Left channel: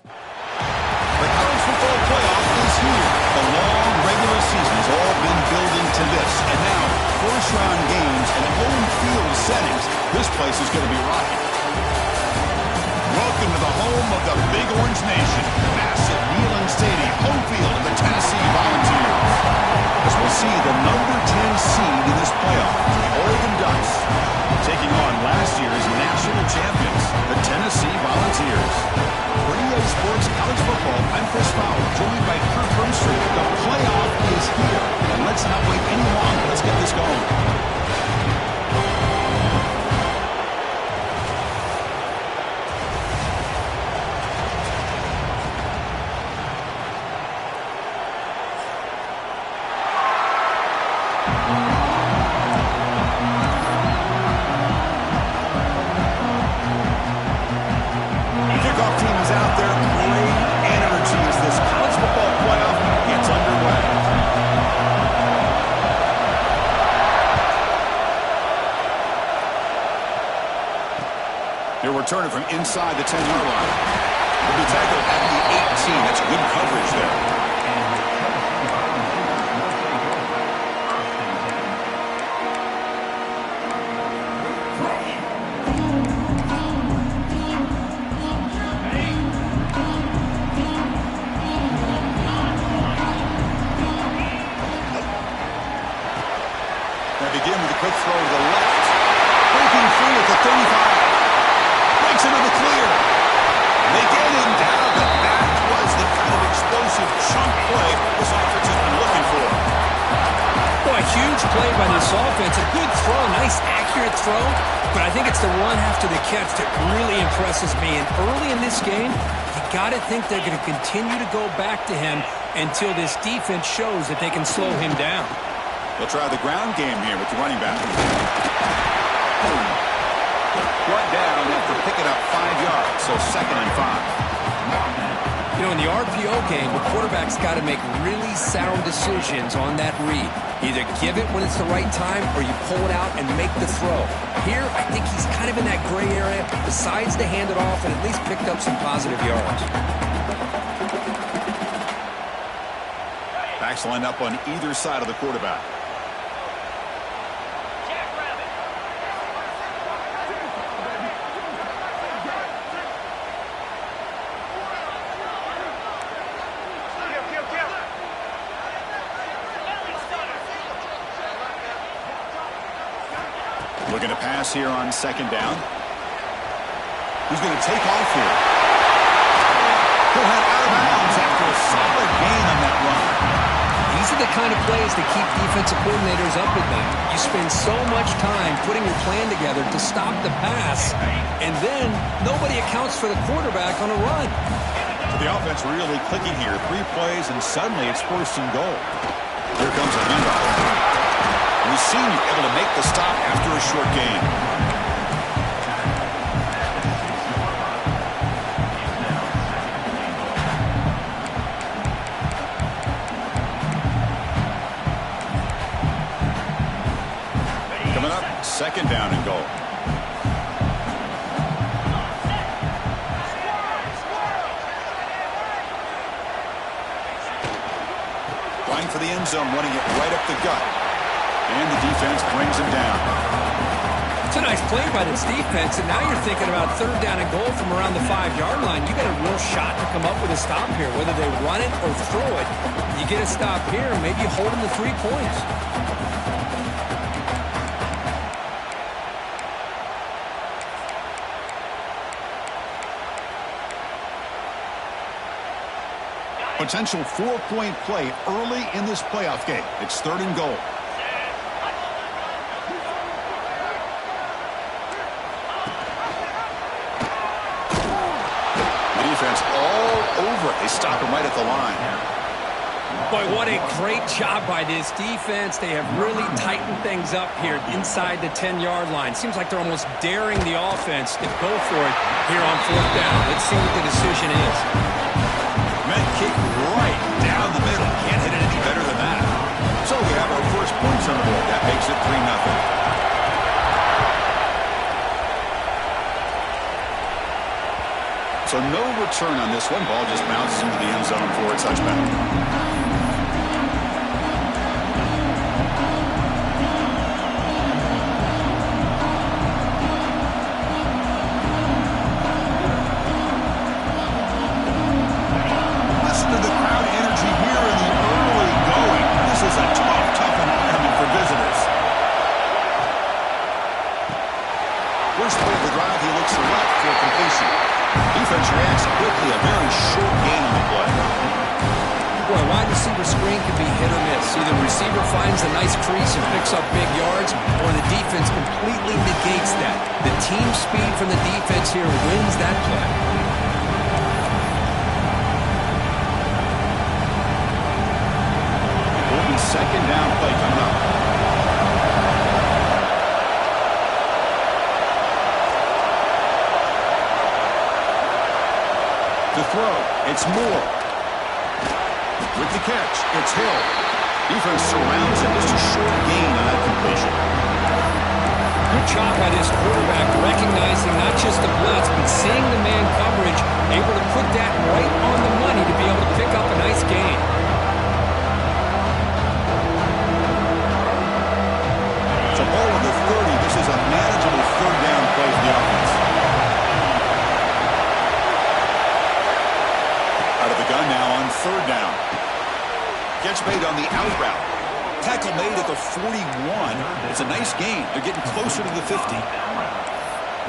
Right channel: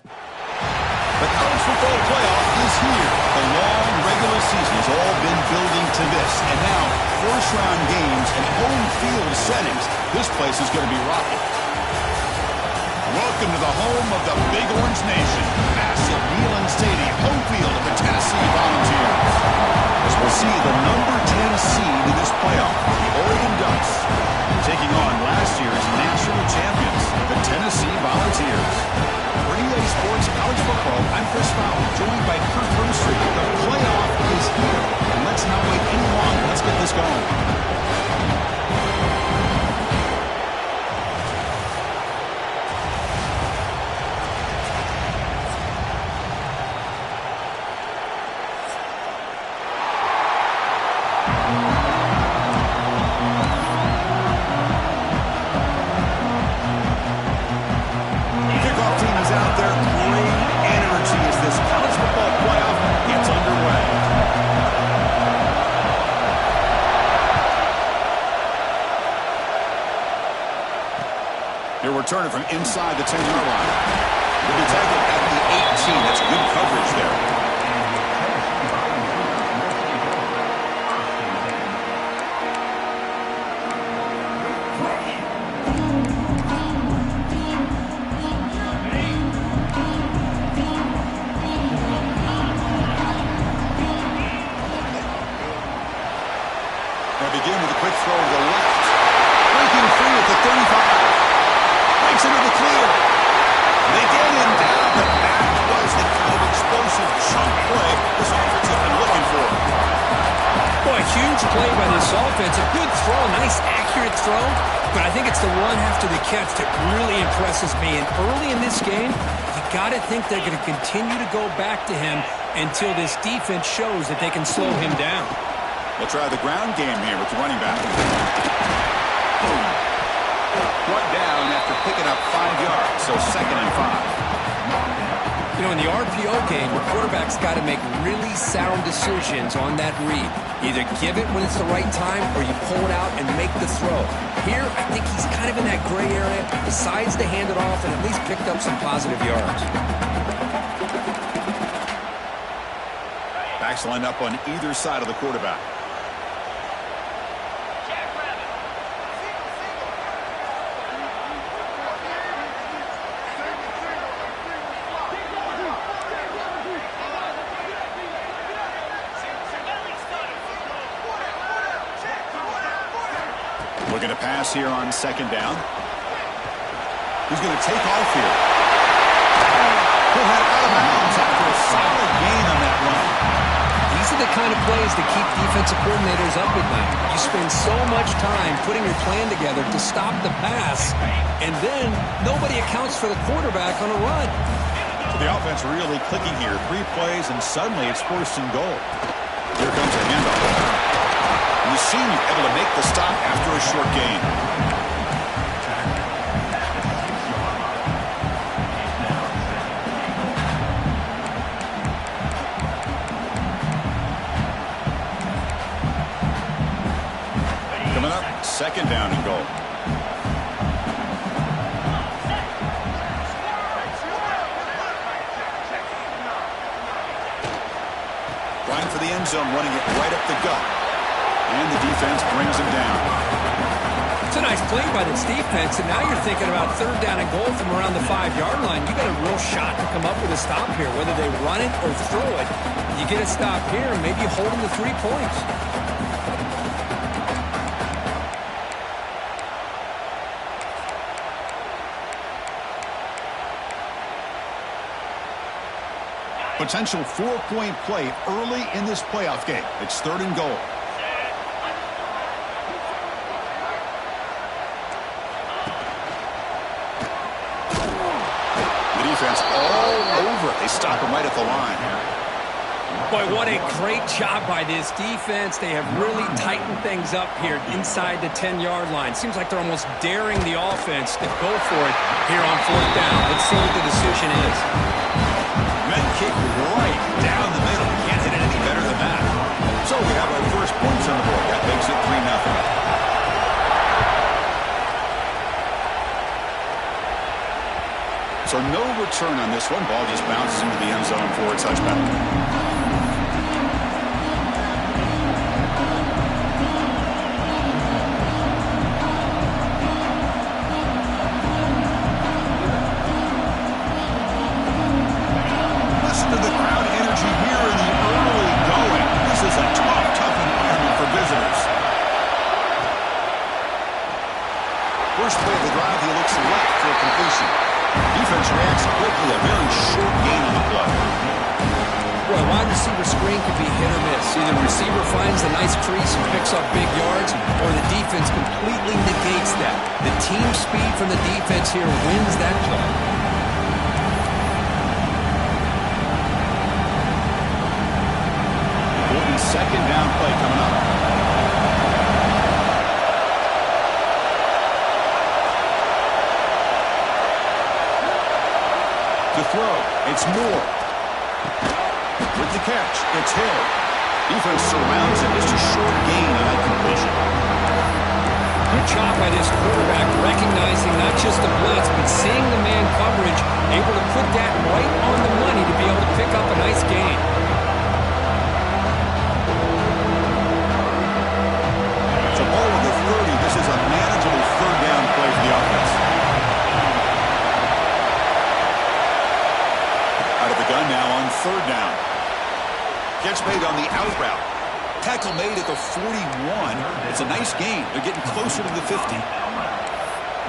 The college football playoff is here. The long regular season has all been building to this. And now, first-round games and home field settings. This place is going to be rocking. Welcome to the home of the Big Orange Nation. Massive Neyland Stadium, home field of the Tennessee Volunteers. As we'll see the number 10 seed in this playoff, the Oregon Ducks, taking on last year's national champions, the Tennessee Volunteers. For EA Sports College Football, I'm Chris Fowler, joined by Kirk Broomstreet. The playoff is here, and let's not wait any longer. Let's get this going. He'll return it from inside the 10-yard line. He'll be tackled at the 18. That's good coverage there. They begin with a quick throw to the left. Breaking free at the 35. Breaks into the clear. They get him down, but that was the kind of explosive chunk play this offense has been looking for. Boy, a huge play by this offense. A good throw, nice accurate throw, but I think it's the run after the catch that really impresses me. And early in this game, you got to think they're going to continue to go back to him until this defense shows that they can slow him down. They'll try the ground game here with the running back. Brought down after picking up 5 yards, so 2nd and 5. You know, in the RPO game, the quarterback's got to make really sound decisions on that read. Either give it when it's the right time or you pull it out and make the throw. Here, I think he's kind of in that gray area, decides to hand it off and at least picked up some positive yards. Backs lined up on either side of the quarterback. Looking to pass here on 2nd down. Who's going to take off here? He'll head out of bounds after a solid gain on that run. These are the kind of plays that keep defensive coordinators up at night. You spend so much time putting your plan together to stop the pass, and then nobody accounts for the quarterback on a run. So the offense really clicking here. 3 plays, and suddenly it's 1st and goal. Here comes a handoff. And the senior able to make the stop after a short gain. Coming up, 2nd down and goal. Flying for the end zone, running it right up the gut. And the defense brings him down. It's a nice play by this defense, and now you're thinking about 3rd down and goal from around the 5-yard line. You got a real shot to come up with a stop here. Whether they run it or throw it, you get a stop here, maybe you hold them to 3 points. Potential 4-point play early in this playoff game. It's 3rd and goal. The defense all over it. They stop him right at the line. Boy, what a great job by this defense. They have really tightened things up here inside the 10-yard line. Seems like they're almost daring the offense to go for it here on 4th down. Let's see what the decision is. Met kick right down the middle. Can't hit it any better than that. So we have our first points on the board. That makes it 3-0. So no return on this one. Ball just bounces into the end zone for a touchback. To the crowd energy here in the early going. This is a tough environment for visitors. First play of the drive, he looks left for a completion. Defense reacts quickly, a very short gain on the play. Boy, wide receiver screen can be hit or miss. Either the receiver finds a nice crease and picks up big yards, or the defense completely negates that. The team speed from the defense here wins that play. Second down play coming up. To throw, it's Moore. With the catch, it's Hill. Defense surrounds him. Just a short gain on that completion. Good job by this quarterback, recognizing not just the blitz, but seeing the man coverage, able to put that right on the money to be able to pick up a nice gain. Ball at the 30. This is a manageable third down play for the offense. Out of the gun now on third down. Catch made on the out route. Tackle made at the 41. It's a nice gain. They're getting closer to the 50.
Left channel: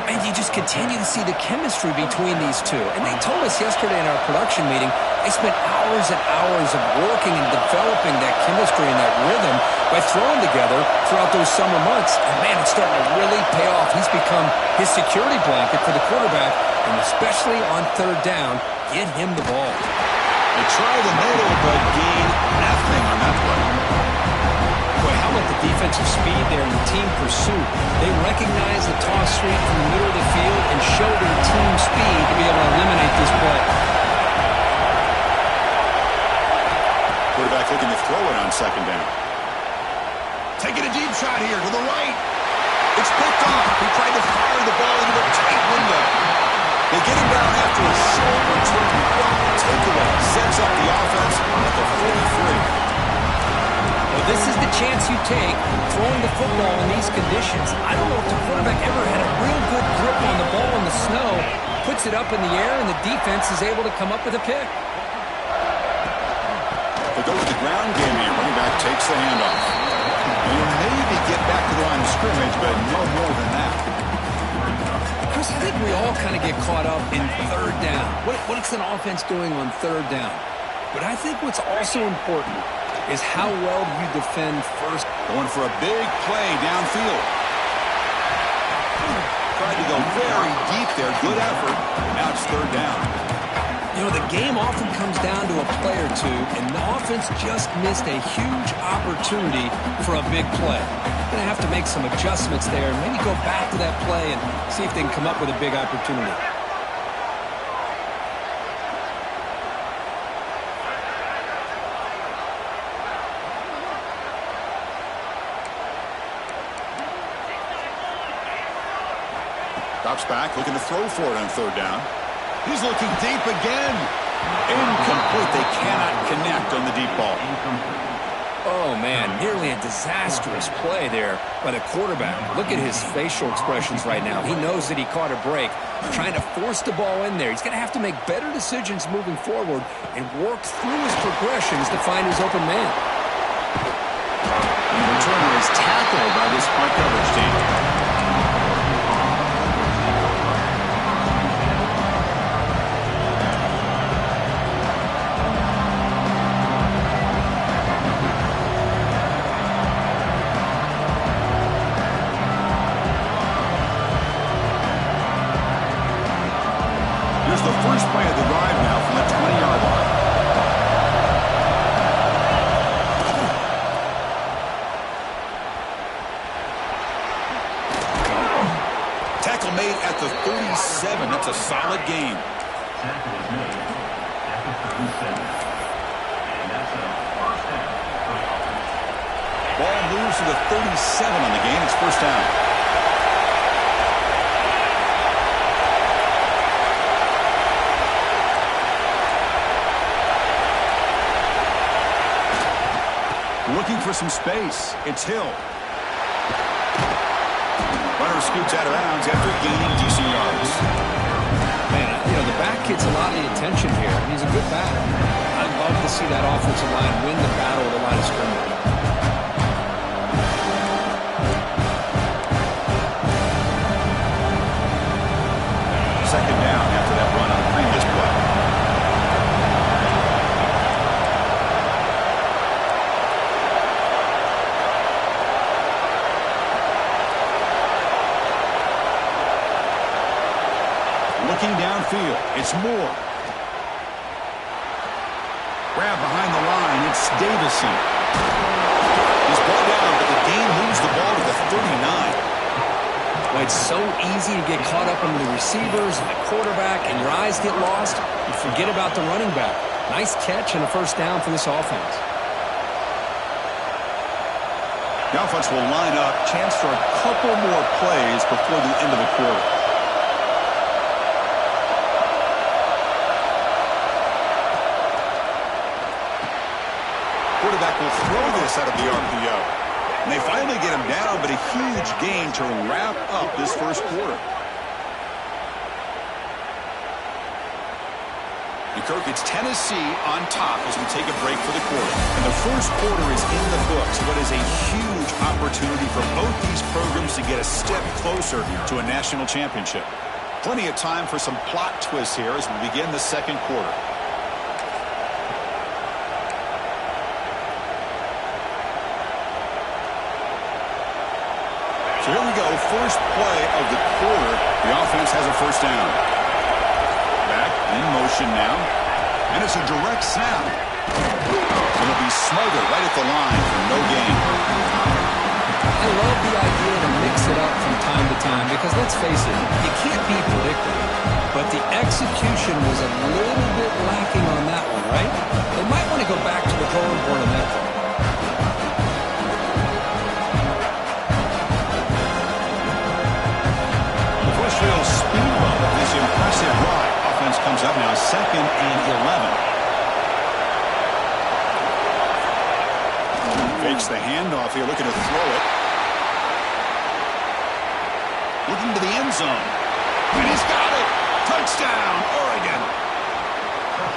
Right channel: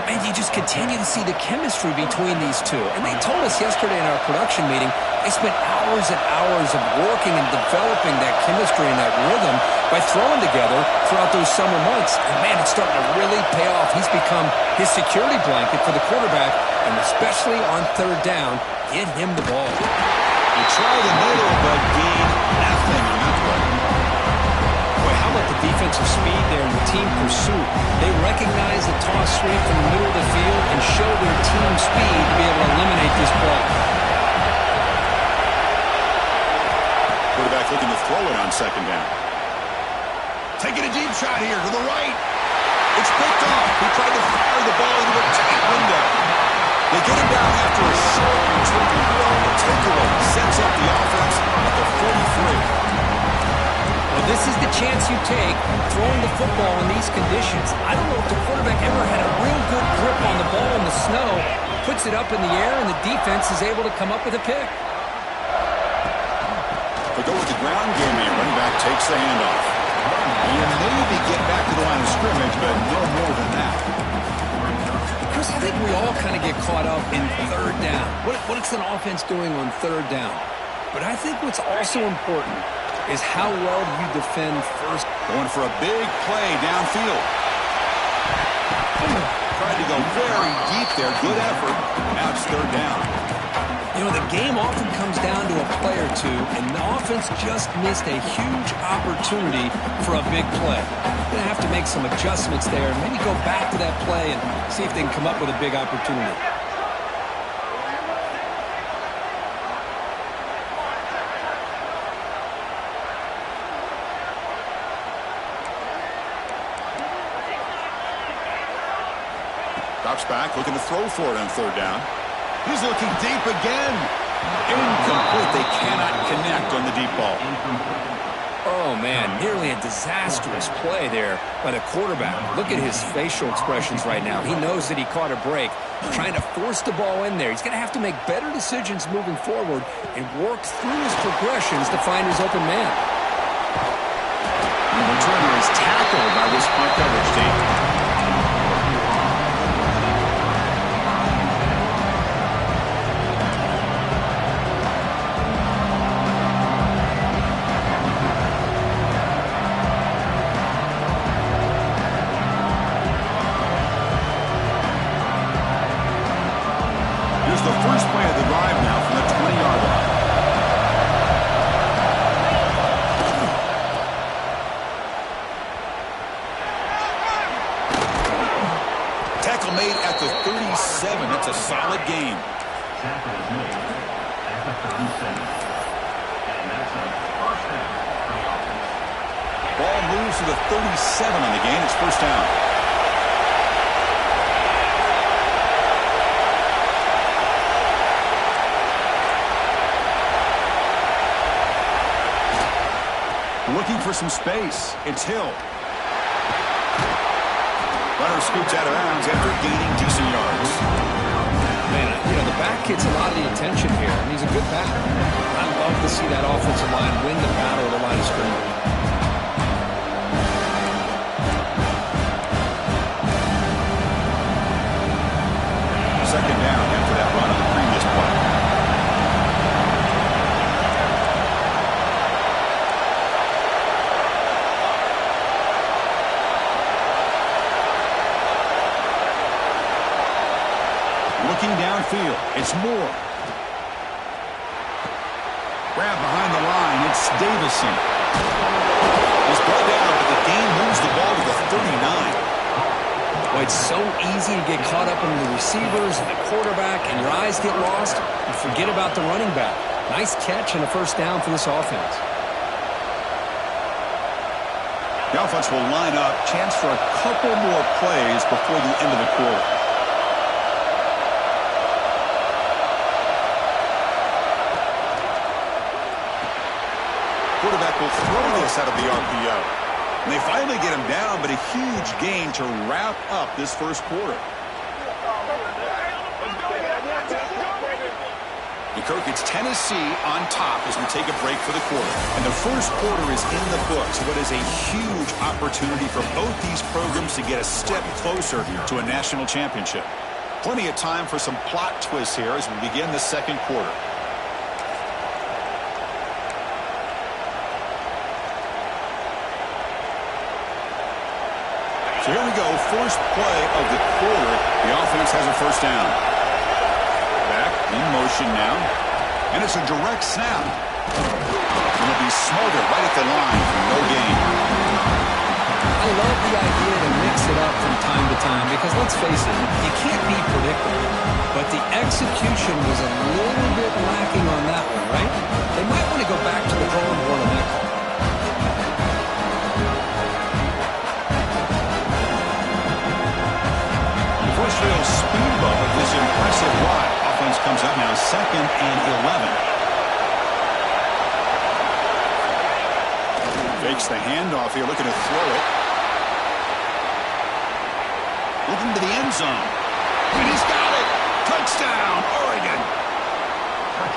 And you just continue to see the chemistry between these two. And they told us yesterday in our production meeting, they spent hours and hours of working and developing that chemistry and that rhythm by throwing together throughout those summer months. And, man, it's starting to really pay off. He's become his security blanket for the quarterback, and especially on third down, get him the ball. They try the middle, but gain nothing on that play. Boy, how about the defensive speed there and the team pursuit? They recognize the toss sweep from the middle of the field and show their team speed to be able to eliminate this play. Quarterback looking to throw it on second down. Taking a deep shot here to the right. It's picked off. He tried to fire the ball into a tight window. They get him down after a short return. Well, the takeaway sets up the offense at the 43. Well, this is the chance you take throwing the football in these conditions. I don't know if the quarterback ever had a real good grip on the ball in the snow, puts it up in the air, and the defense is able to come up with a pick. They go with the ground game here. Running back takes the handoff. You'll maybe get back to the line of scrimmage, but no more than that. Chris, I think we all kind of get caught up in third down. What is an offense doing on third down? But I think what's also important is how well do you defend first. Going for a big play downfield. Tried to go very deep there. Good effort. Now it's third down. You know, the game often comes down to a play or two, and the offense just missed a huge opportunity for a big play. They're going to have to make some adjustments there and maybe go back to that play and see if they can come up with a big opportunity. Drops back, looking to throw for it on third down. He's looking deep again. Incomplete. They cannot connect on the deep ball. Oh, man, nearly a disastrous play there by the quarterback. Look at his facial expressions right now. He knows that he caught a break, trying to force the ball in there. He's going to have to make better decisions moving forward and work through his progressions to find his open man. The returner is tackled by this punt coverage team. Here's the first play of the drive now from the 20-yard line. Tackle made at the 37. That's a solid gain. Tackle is made at the 37. And that's a first down for the offense. Ball moves to the 37 on the gain. It's first down. Looking for some space. It's Hill. Runner scoots out of bounds after gaining decent yards. Man, you know, the back gets a lot of the attention here, and he's a good back. I love to see that offensive line win the battle at the line of scrimmage. Second down after that run on the previous play. Looking downfield, it's Moore. Grab behind the line, it's Davison. He's brought down, but the gain moves the ball to the 39. Well, it's so easy to get caught up in the receivers and the quarterback, and your eyes get lost. You forget about the running back. Nice catch and a first down for this offense. The offense will line up. Chance for a couple more plays before the end of the quarter. Quarterback will throw this out of the RPO. And they finally get him down, but a huge gain to wrap up this first quarter. And Kirk, it's Tennessee on top as we take a break for the quarter. And the first quarter is in the books. What is a huge opportunity for both these programs to get a step closer to a national championship. Plenty of time for some plot twists here as we begin the second quarter. So here we go, first play of the quarter. The offense has a first down. Back in motion now. And it's a direct snap. It'll be smothered right at the line for no gain. I love the idea to mix it up from time to time because, let's face it, you can't be predictable. But the execution was a little bit lacking on that one, right? They might want to go back to the drawing board on that call. First real speed bump of this impressive ride. Offense comes up now 2nd and 11. Fakes the handoff here, looking to throw it. Looking to the end zone. And he's got it. Touchdown, Oregon.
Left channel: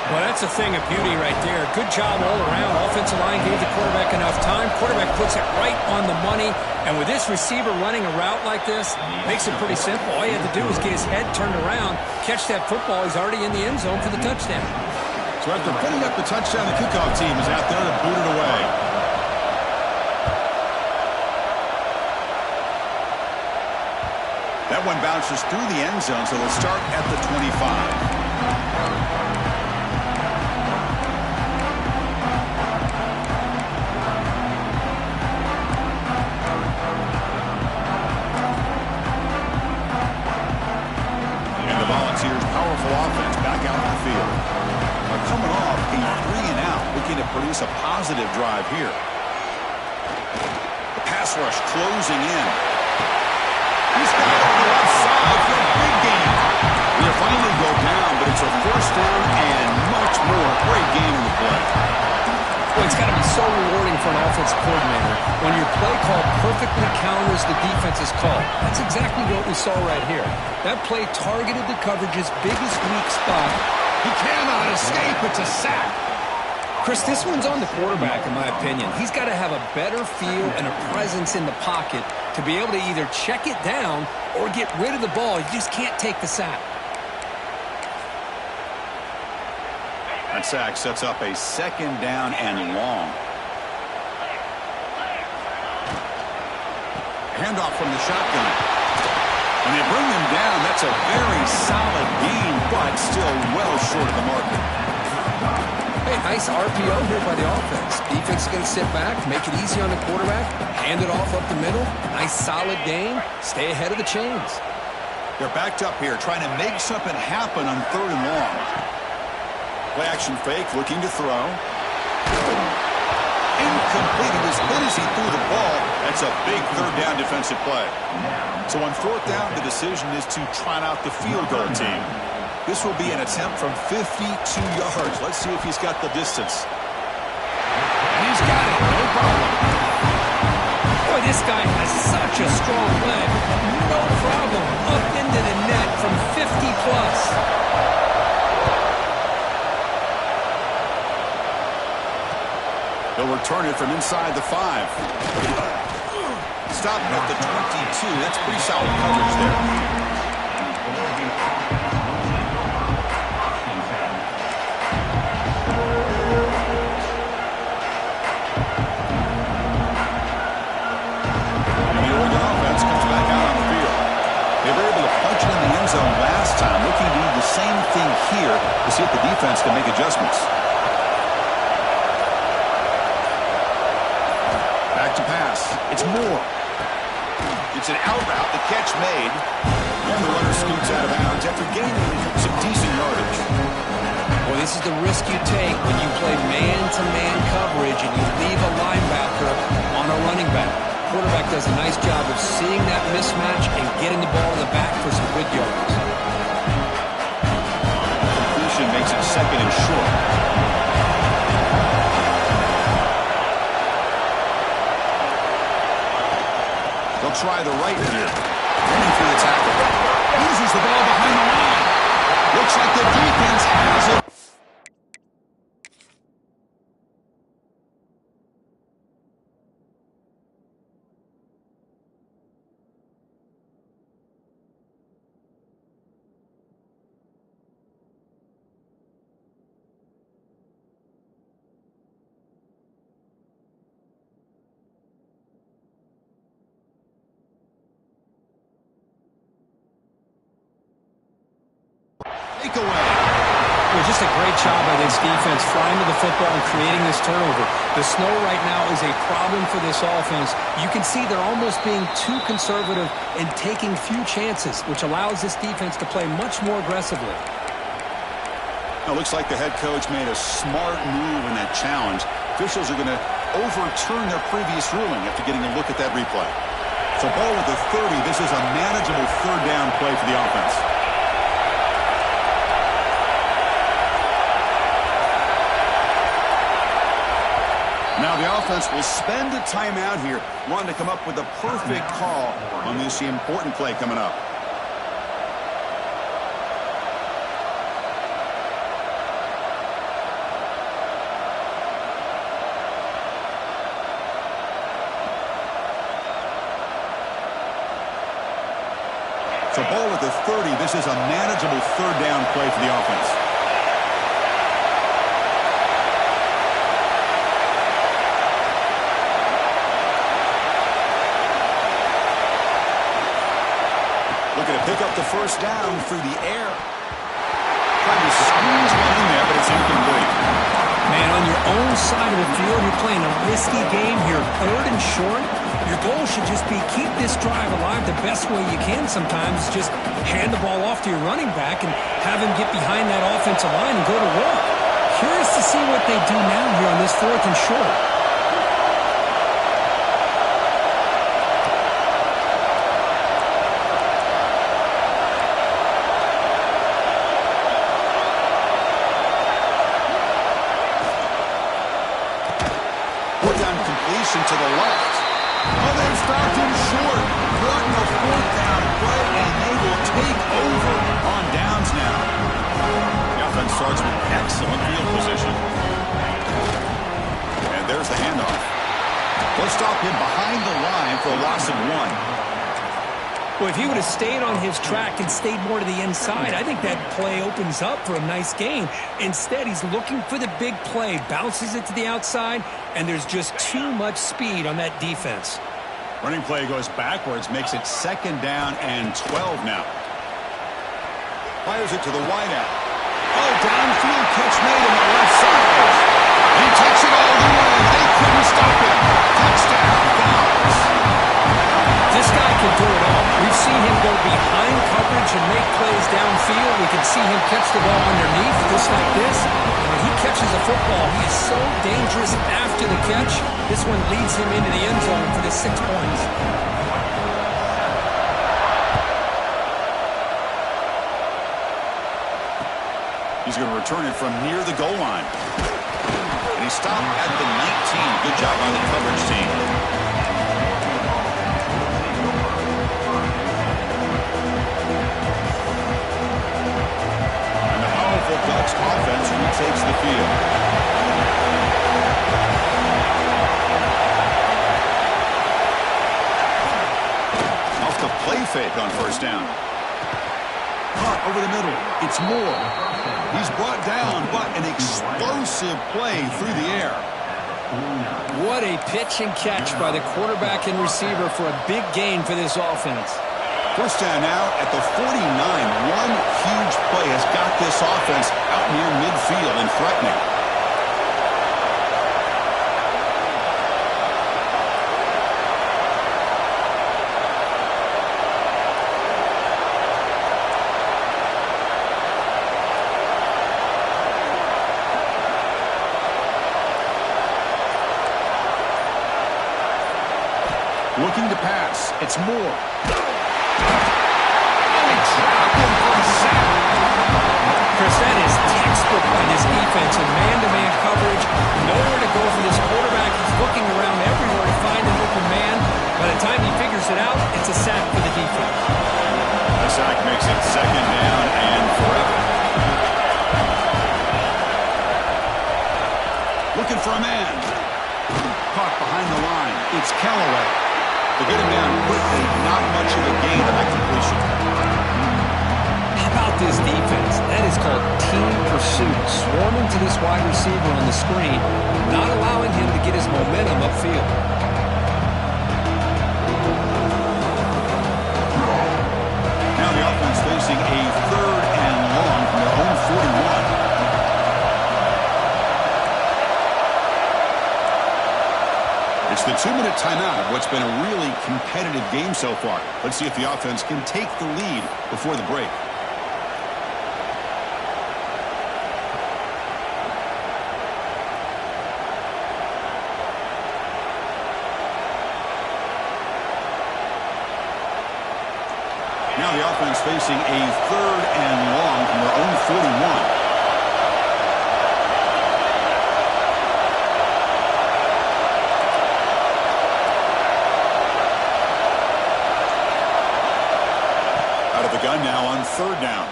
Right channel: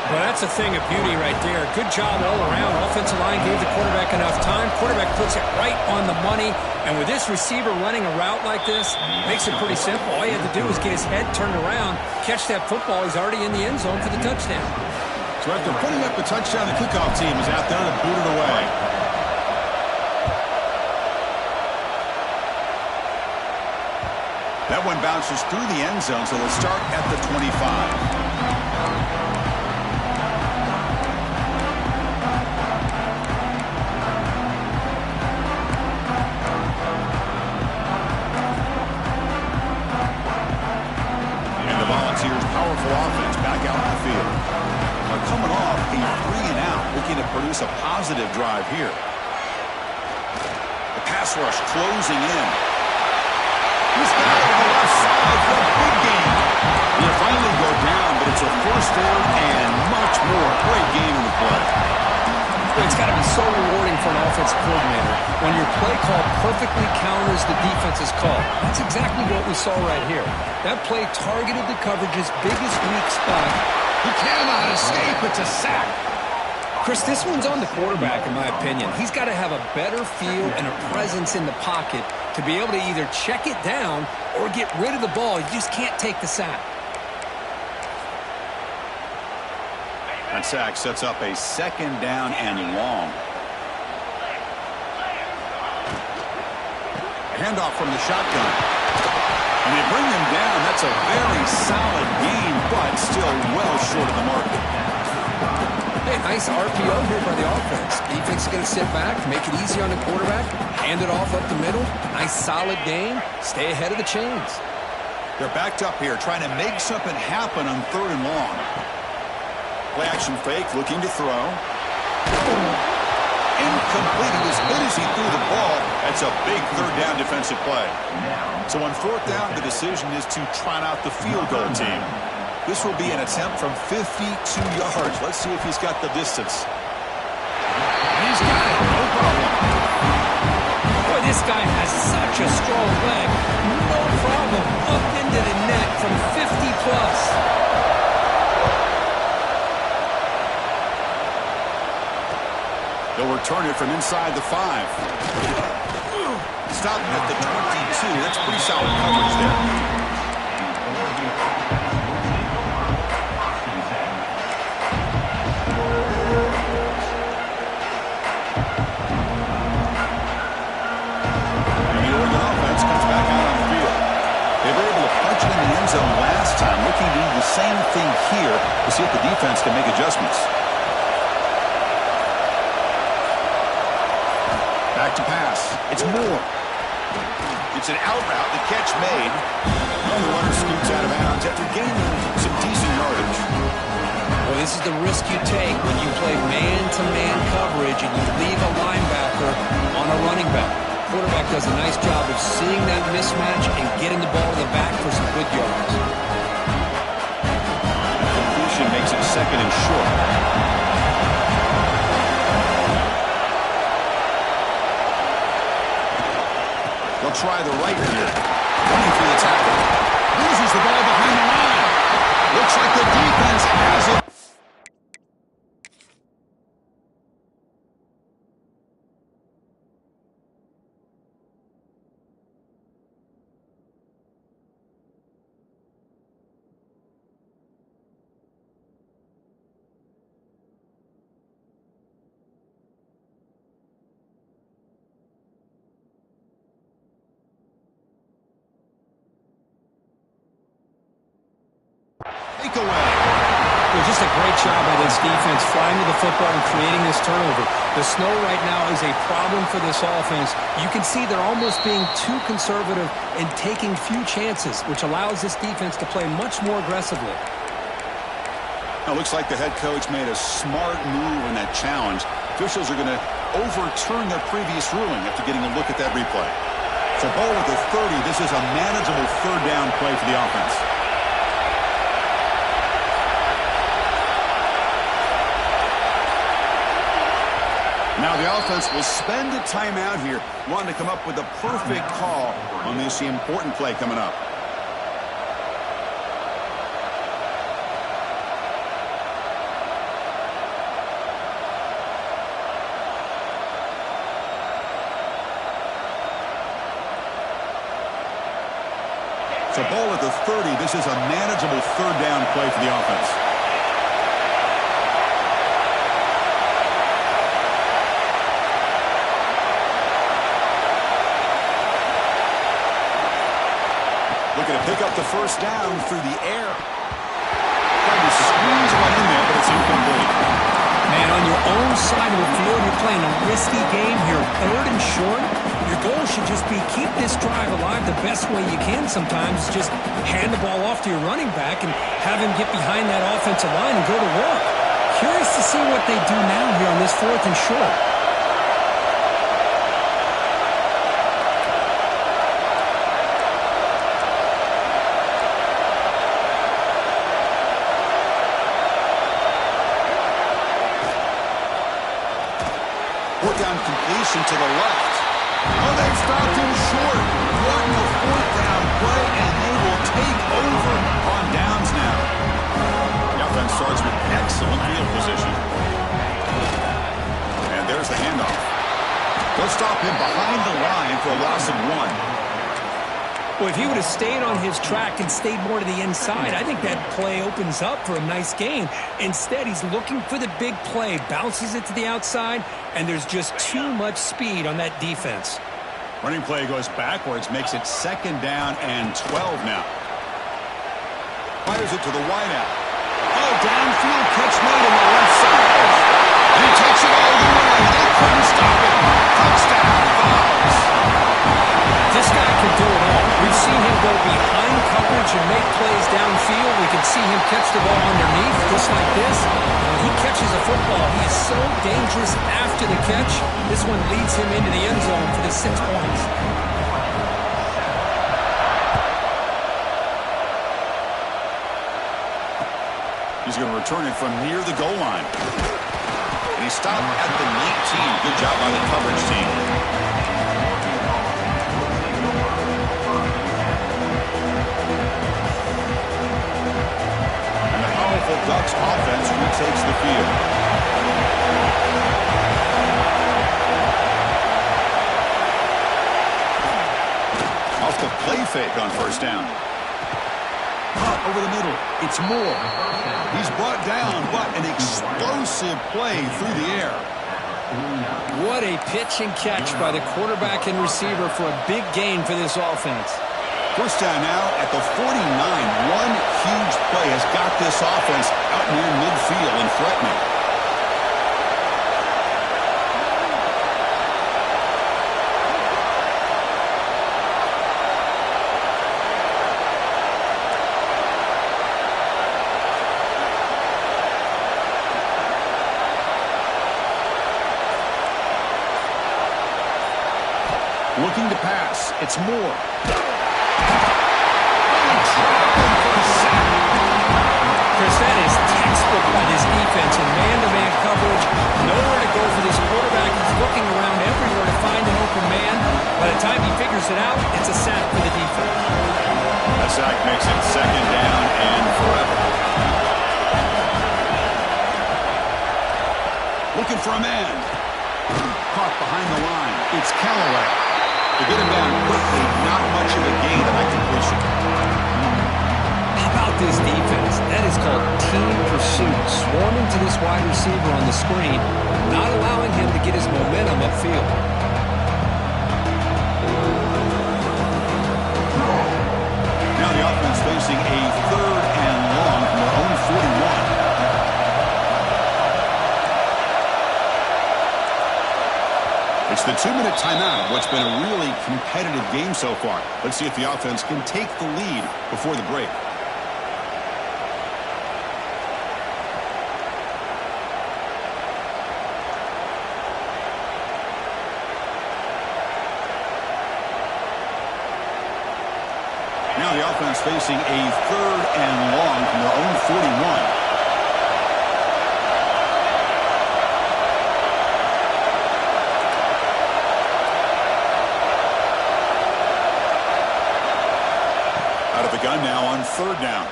Well, that's a thing of beauty right there. Good job all around. Offensive line gave the quarterback enough time. Quarterback puts it right on the money. And with this receiver running a route like this, makes it pretty simple. All he had to do was get his head turned around, catch that football. He's already in the end zone for the touchdown. So after putting up the touchdown, the kickoff team is out there to boot it away. That one bounces through the end zone, so they'll start at the 25. Offense back out in the field. Now coming off a 3-and-out, looking to produce a positive drive here. The pass rush closing in. He's got it on the left side for a big gain. He'll finally go down, but it's a first down and much more. Great game in the play. Well, it's got to be so rewarding for an offensive coordinator when your play call perfectly counters the defense's call. That's exactly what we saw right here. That play targeted the coverage's biggest weak spot. He cannot escape. It's a sack. Chris, this one's on the quarterback, in my opinion. He's got to have a better feel and a presence in the pocket to be able to either check it down or get rid of the ball. You just can't take the sack. That sack sets up a 2nd down and long. Handoff from the shotgun. And they bring them down. That's a very solid gain, but still well short of the mark. Hey, nice RPO here by the offense. Defense is going to sit back, make it easy on the quarterback, hand it off up the middle. Nice solid gain. Stay ahead of the chains. They're backed up here, trying to make something happen on 3rd and long. Play action fake, looking to throw. Incomplete. He was hit as he threw the ball. That's a big 3rd down defensive play. So on 4th down, the decision is to trot out the field goal team. This will be an attempt from 52 yards. Let's see if he's got the distance. And he's got it. No problem. This guy has such a strong leg. No problem. Up into the net from 50 plus. He'll return it from inside the 5. Stopped at the 22. That's pretty solid coverage there. Comes back out on the field. They were able to punch it in the end zone last time. Looking to do the same thing here to see if the defense can make adjustments. Back to pass. It's Moore. It's an out route. The catch made. And the runner scoots out of bounds after gaining some decent yardage. Well, this is the risk you take when you play man-to-man coverage and you leave a linebacker on a running back. Quarterback does a nice job of seeing that mismatch and getting the ball to the back for some good yards. Completion makes it 2nd and short. They'll try the right here. Running through the tackle. Loses the ball behind the line. Looks like the defense has it. Takeaway. Well, just a great job by this defense flying to the football and creating this turnover. The snow right now is a problem for this offense. You can see they're almost being too conservative and taking few chances, which allows this defense to play much more aggressively. Now, it looks like the head coach made a smart move in that challenge. Officials are going to overturn their previous ruling after getting a look at that replay. So ball with the 30. This is a manageable 3rd down play for the offense. Now the offense will spend a timeout here, wanting to come up with a perfect call on this important play coming up. So ball at the 30. This is a manageable 3rd down play for the offense. Looking to pick up the 1st down through the air. Trying to squeeze one in there, but it's incomplete. Man, on your own side of the field, you're playing a risky game here. 3rd and short. Your goal should just be keep this drive alive the best way you can sometimes. Just hand the ball off to your running back and have him get behind that offensive line and go to work. Curious to see what they do now here on this 4th and short. Completion to the left. Oh, they've stopped him short. Wanting a 4th down play, and they will take over on downs now. The offense starts with excellent field position. And there's the handoff. They'll stop him behind the line for a loss of 1. Well, if he would have stayed on his track and stayed more to the inside, I think that play opens up for a nice gain. Instead, he's looking for the big play, bounces it to the outside, and there's just too much speed on that defense. Running play goes backwards, makes it 2nd down and 12 now. Fires it to the wideout. Oh, downfield catch made on the left side. And he takes it all the way. They couldn't stop him. Touchdown, Vols. This guy can do it all. We've seen him go behind coverage and make plays downfield. We can see him catch the ball underneath, just like this. When he catches a football, he is so dangerous after the catch. This one leads him into the end zone for the 6 points. He's going to return it from near the goal line. And he stopped at the 19. Good job by the coverage team. Ducks offense retakes the field. Off the play fake on first down. Caught over the middle. It's Moore. He's brought down, but an explosive play through the air. What a pitch and catch by the quarterback and receiver for a big gain for this offense. First down now at the 49. One huge play has got this offense out near midfield and threatening. Looking to pass. It's Moore. Only dropped him for a sack. Chris, that is textbook by this defense in man-to-man coverage. Nowhere to go for this quarterback. He's looking around everywhere to find an open man. By the time he figures it out, it's a sack for the defense. A sack makes it second down and forever. Looking for a man. Caught behind the line. It's Callaway. To get him down quickly, not much of a gain on that completion. How about this defense? That is called team pursuit. Swarming to this wide receiver on the screen, not allowing him to get his momentum upfield. Now the offense facing a third and long from their own 41. It's the 2-minute timeout of what's been a really competitive game so far. Let's see if the offense can take the lead before the break. Now the offense facing a third and long from their own 41. Out of the gun now on third down.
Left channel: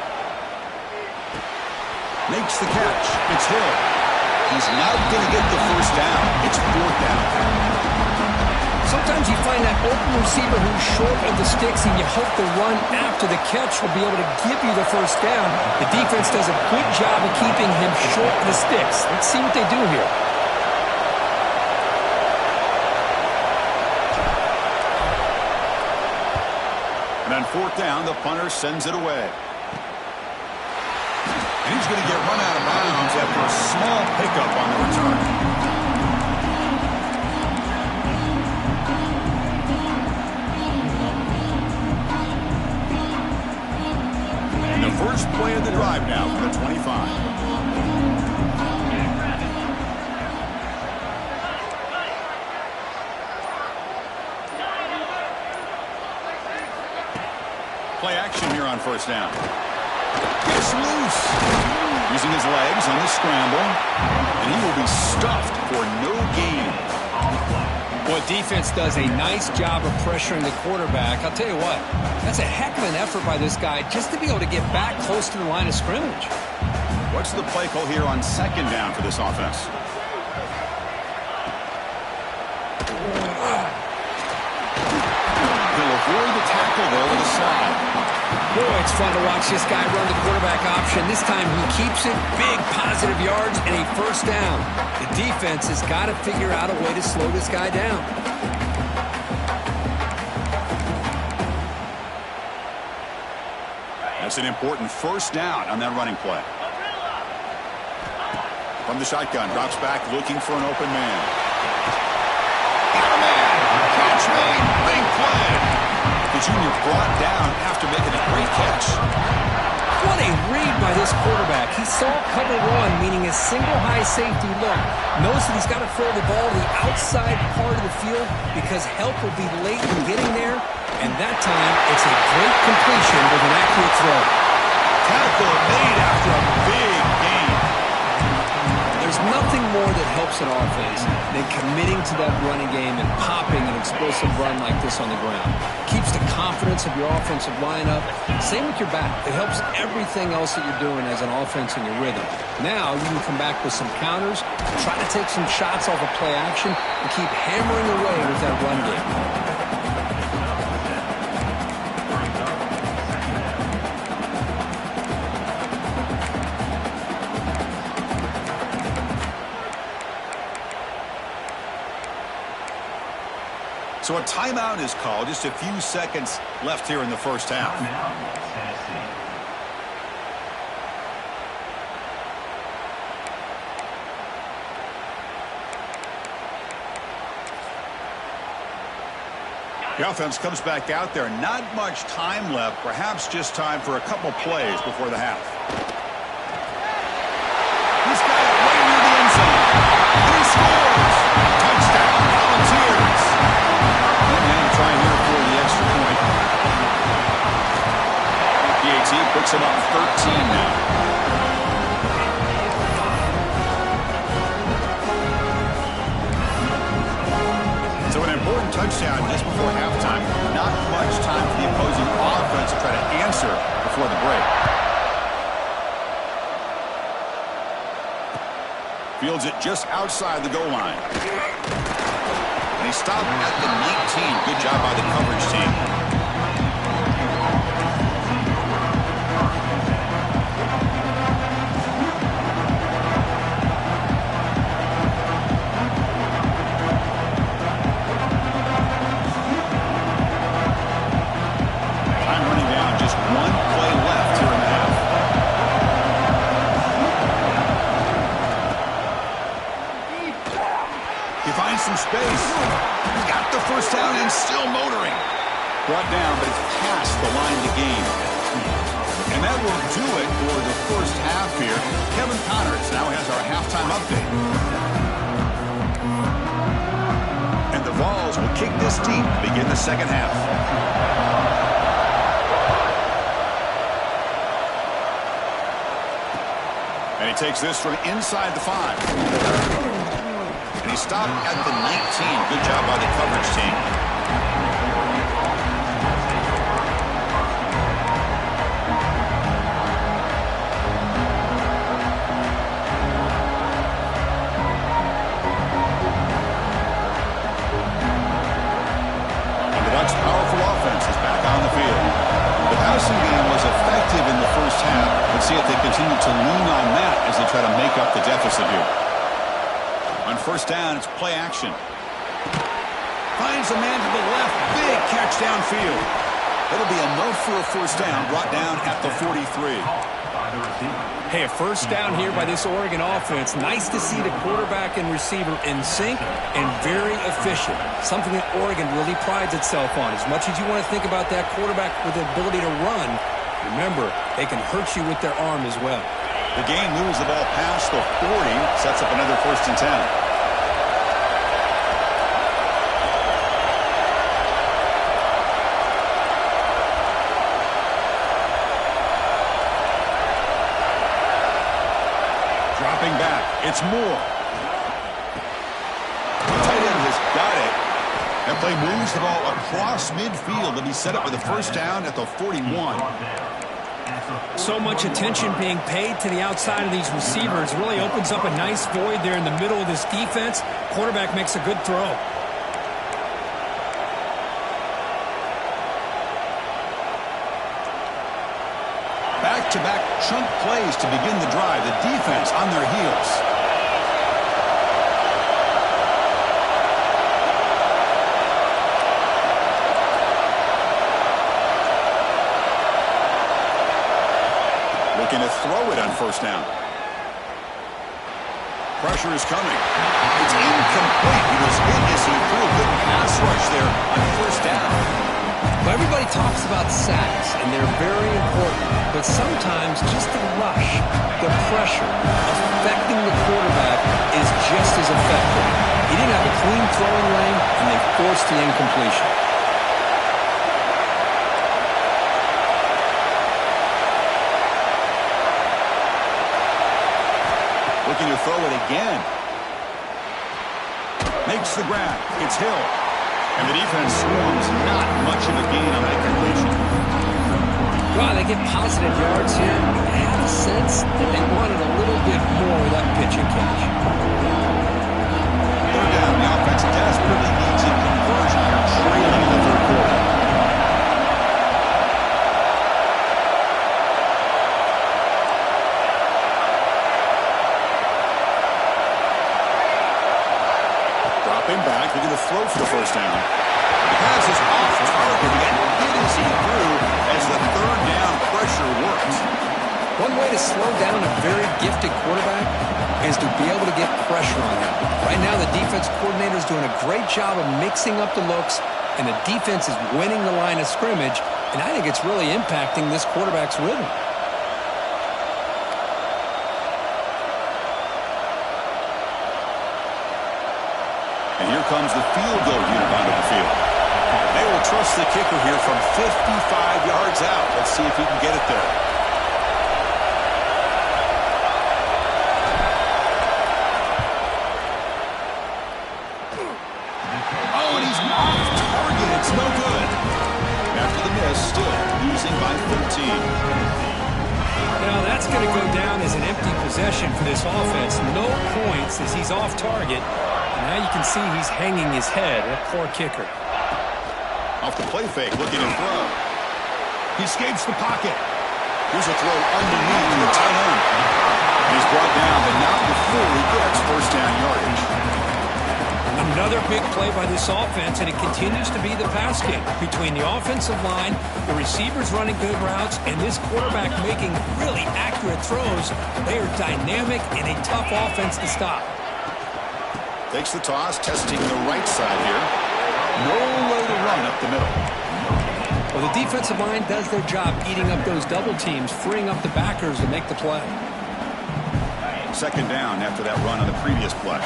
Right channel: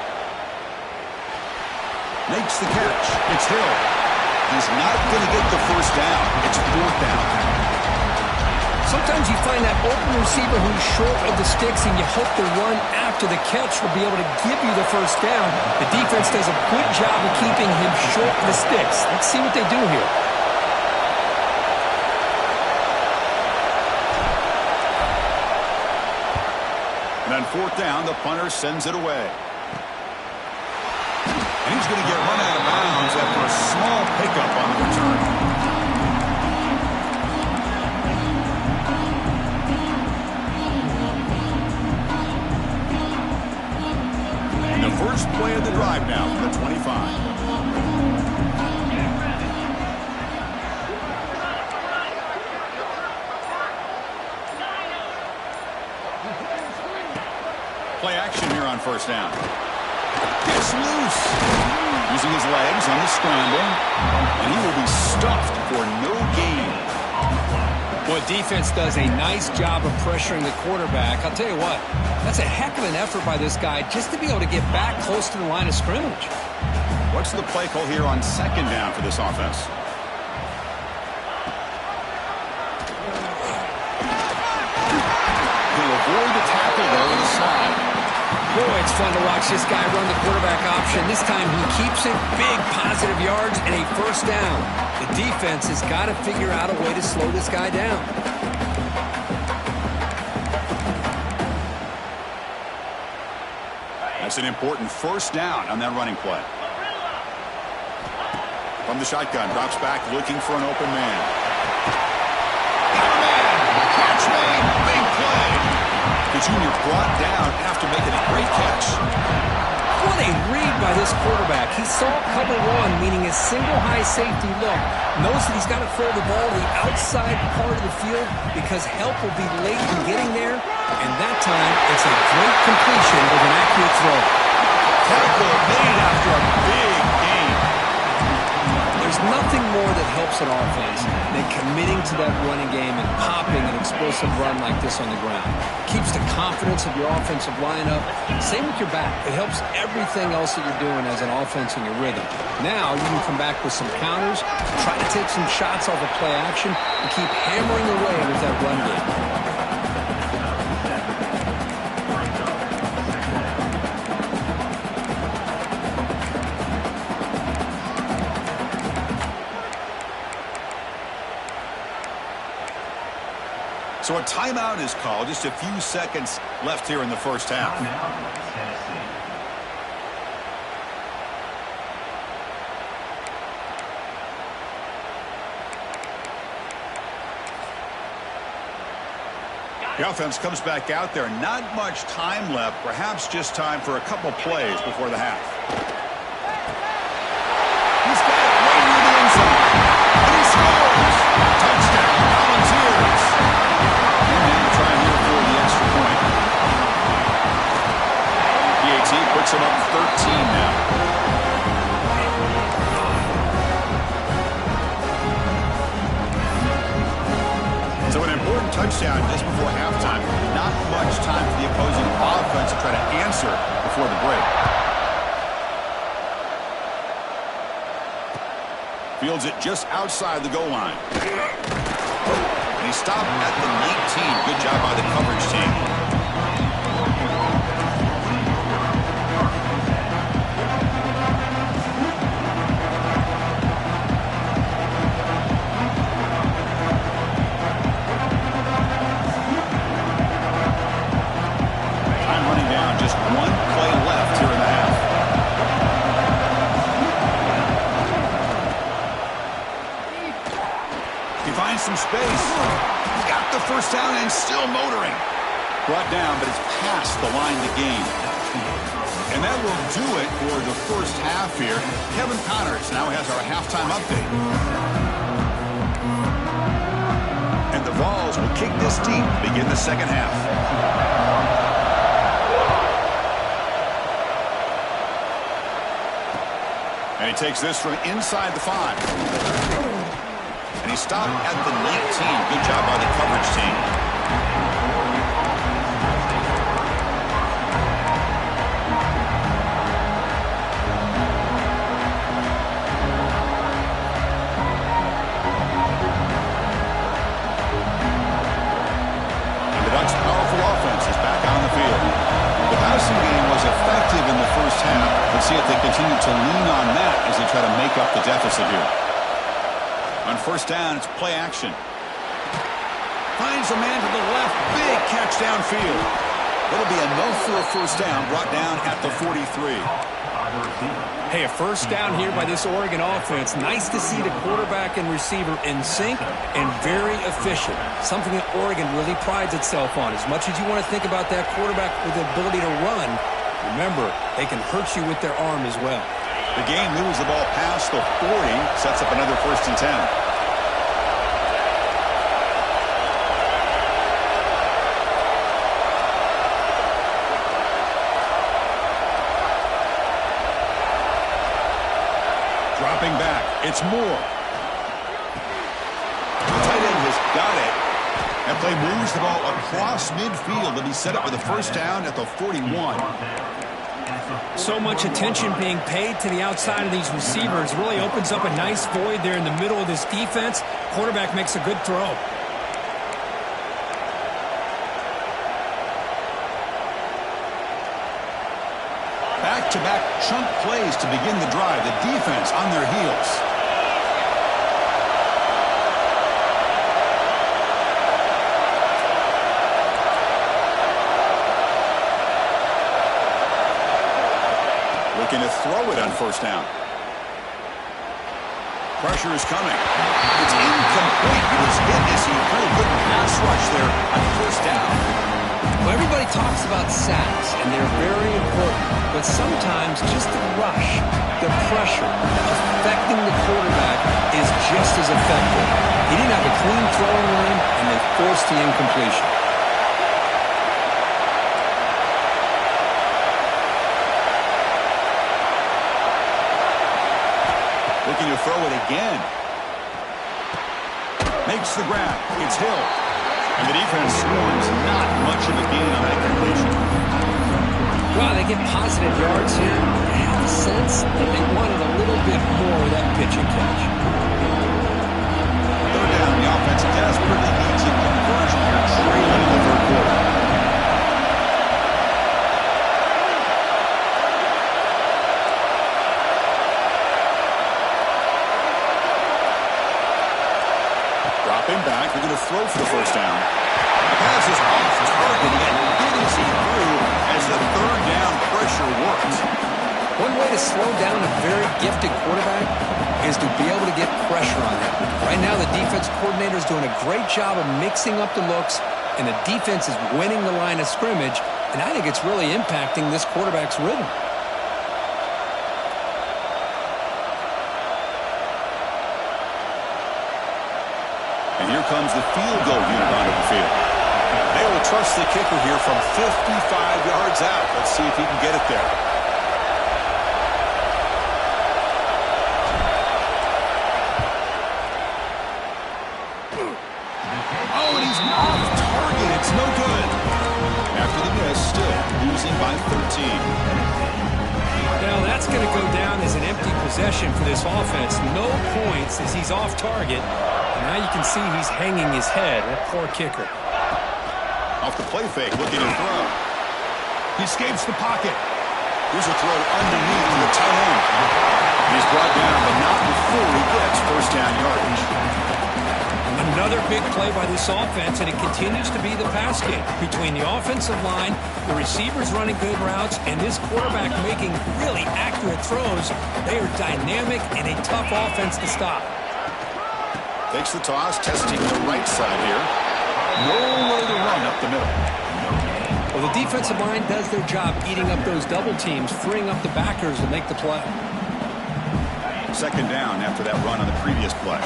Makes the catch. It's Hill. He's not going to get the first down. It's fourth down. Sometimes you find that open receiver who's short of the sticks, and you hope the run after the catch will be able to give you the first down. The defense does a good job of keeping him short of the sticks. Let's see what they do here. And on fourth down, the punter sends it away. And he's going to get run out of bounds after a small pickup on the return. And the first play of the drive now from the 25. Play action here on first down. Gets loose. Using his legs on the scramble. And he will be stuffed for no gain. Well, defense does a nice job of pressuring the quarterback. I'll tell you what, that's a heck of an effort by this guy just to be able to get back close to the line of scrimmage. What's the play call here on second down for this offense? He'll avoid the tackle there with a slide. Boy, it's fun to watch this guy run the quarterback option. This time he keeps it, big positive yards, and a first down. The defense has got to figure out a way to slow this guy down. That's an important first down on that running play. From the shotgun, drops back looking for an open man. Got a man! Catch made! Big play! The junior brought down after making a great catch. What a read by this quarterback. He saw cover one, meaning a single high safety look. Knows that he's got to throw the ball to the outside part of the field because help will be late in getting there. And that time, it's a great completion with an accurate throw. Tackle made after a big gain. There's nothing more that helps an offense than committing to that running game and popping an explosive run like this on the ground. Keeps the confidence of your offensive lineup. Same with your back. It helps everything else that you're doing as an offense in your rhythm. Now you can come back with some counters, try to take some shots off of play action, and keep hammering away with that run game. So a timeout is called. Just a few seconds left here in the first half. Tennessee. The offense comes back out there. Not much time left. Perhaps just time for a couple plays before the half. He's got it right near the end zone. And he scores. Touchdown, Volunteers. And now trying here for the extra point. PAT puts him up 13 now. So an important touchdown just before halftime. Not much time for the opposing offense to try to answer before the break. Fields it just outside the goal line. And he stopped at the 19. Good job by the coverage team. Time running down, just one play left here in the half. He finds some space. Got the first down and still motoring. Brought down, but it's past the line to gain. And that will do it for the first half here. Kevin Connors now has our halftime update. And the Vols will kick this deep to begin the second half. And he takes this from inside the 5. And he stopped at the 19. Good job by the coverage team. And the Ducks' powerful offense is back on the field. The passing game was effective in the first half. Let's see if they continue to lean on that as they try to make up the deficit here. On first down, it's play action. Finds a man to the left. Big catch downfield. That'll be enough for a first down, brought down at the 43. Hey, a first down here by this Oregon offense. Nice to see the quarterback and receiver in sync and very efficient. Something that Oregon really prides itself on. As much as you want to think about that quarterback with the ability to run, remember, they can hurt you with their arm as well. The game moves the ball past the 40, sets up another first and 10. Dropping back, it's Moore. The tight end has got it. That play moves the ball across midfield to be set up with a first down at the 41. So much attention being paid to the outside of these receivers. Really opens up a nice void there in the middle of this defense. Quarterback makes a good throw. Back-to-back chunk plays to begin the drive. The defense on their heels. Looking to throw it on first down. Pressure is coming. It's incomplete. He was hit as he threw a good pass rush there on first down. Well, everybody talks about sacks, and they're very important. But sometimes just the rush, the pressure, affecting the quarterback is just as effective. He didn't have a clean throwing lane, and they forced the incompletion. looking to throw it again. Makes the grab. It's Hill. And the defense swarms not much of a gain on that completion. Well, they get positive yards here. I have a sense that they wanted a little bit more of that pitch and catch. Third down. The offense desperately needs a conversion here, trailing in the third quarter. Dropping back, they're going to throw for the first down. The pass is off target. He got hit as he threw as the third down pressure works. One way to slow down a very gifted quarterback is to be able to get pressure on him. Right now, the defense coordinator is doing a great job of mixing up the looks, and the defense is winning the line of scrimmage, and I think it's really impacting this quarterback's rhythm. And here comes the field goal unit onto the field. They will trust the kicker here from 55 yards out. Let's see if he can get it there. Oh, and he's off target. It's no good. After the miss, still losing by 13. Now, that's going to go down as an empty possession for this offense. No points as he's off target. Now you can see he's hanging his head. That poor kicker. Off the play fake, looking to throw. He escapes the pocket. Here's a throw underneath to the tight end. And he's brought down, but not before he gets first down yardage. Another big play by this offense, and it continues to be the pass game. Between the offensive line, the receivers running good routes, and this quarterback making really accurate throws, they are dynamic and a tough offense to stop. Takes the toss, testing the right side here. Nowhere to run up the middle. Well, the defensive line does their job eating up those double teams, freeing up the backers to make the play. Second down after that run on the previous play.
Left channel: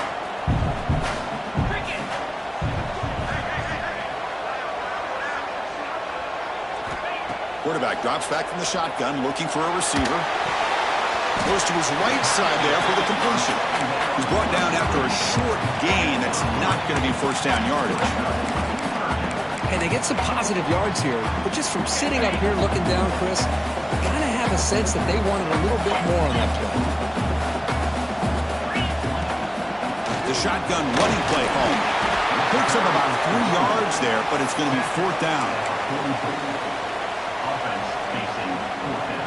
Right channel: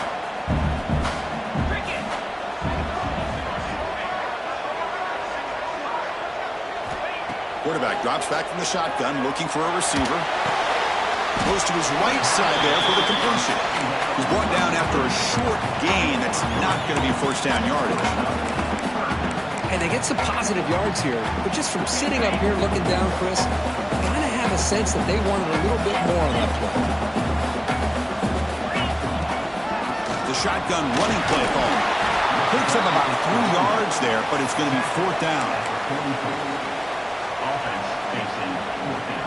Quarterback drops back from the shotgun, looking for a receiver. Goes to his right side there for the completion. He's brought down after a short gain that's not going to be first down yardage. Hey, they get some positive yards here, but just from sitting up here looking down, Chris, you kind of have a sense that they wanted a little bit more on that play. The shotgun running play home. Picks up about 3 yards there, but it's going to be fourth down. Offense facing fourth down.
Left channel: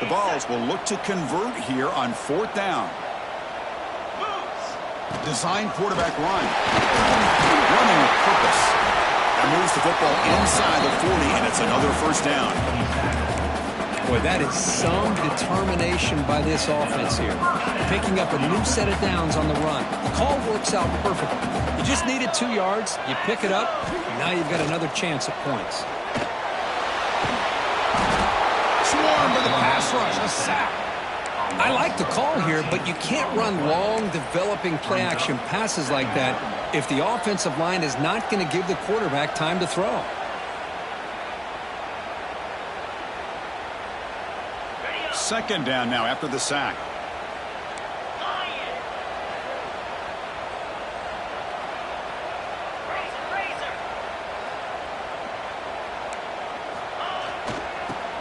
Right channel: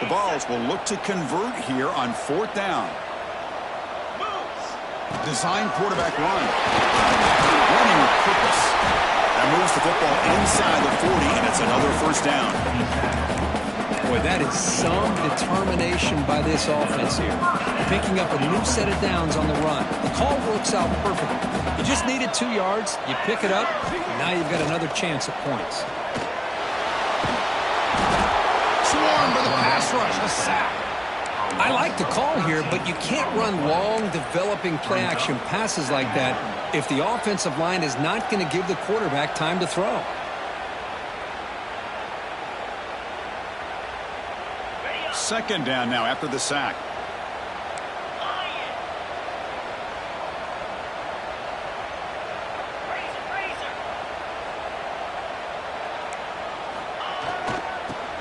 The Vols will look to convert here on fourth down. Design quarterback run. Running with purpose. That moves the football inside the 40, and it's another first down. Boy, that is some determination by this offense here. Picking up a new set of downs on the run. The call works out perfectly. You just needed 2 yards. You pick it up, and now you've got another chance at points. Swarm for the pass rush. A sack. I like the call here, but you can't run long, developing play-action passes like that if the offensive line is not going to give the quarterback time to throw. Second down now after the sack.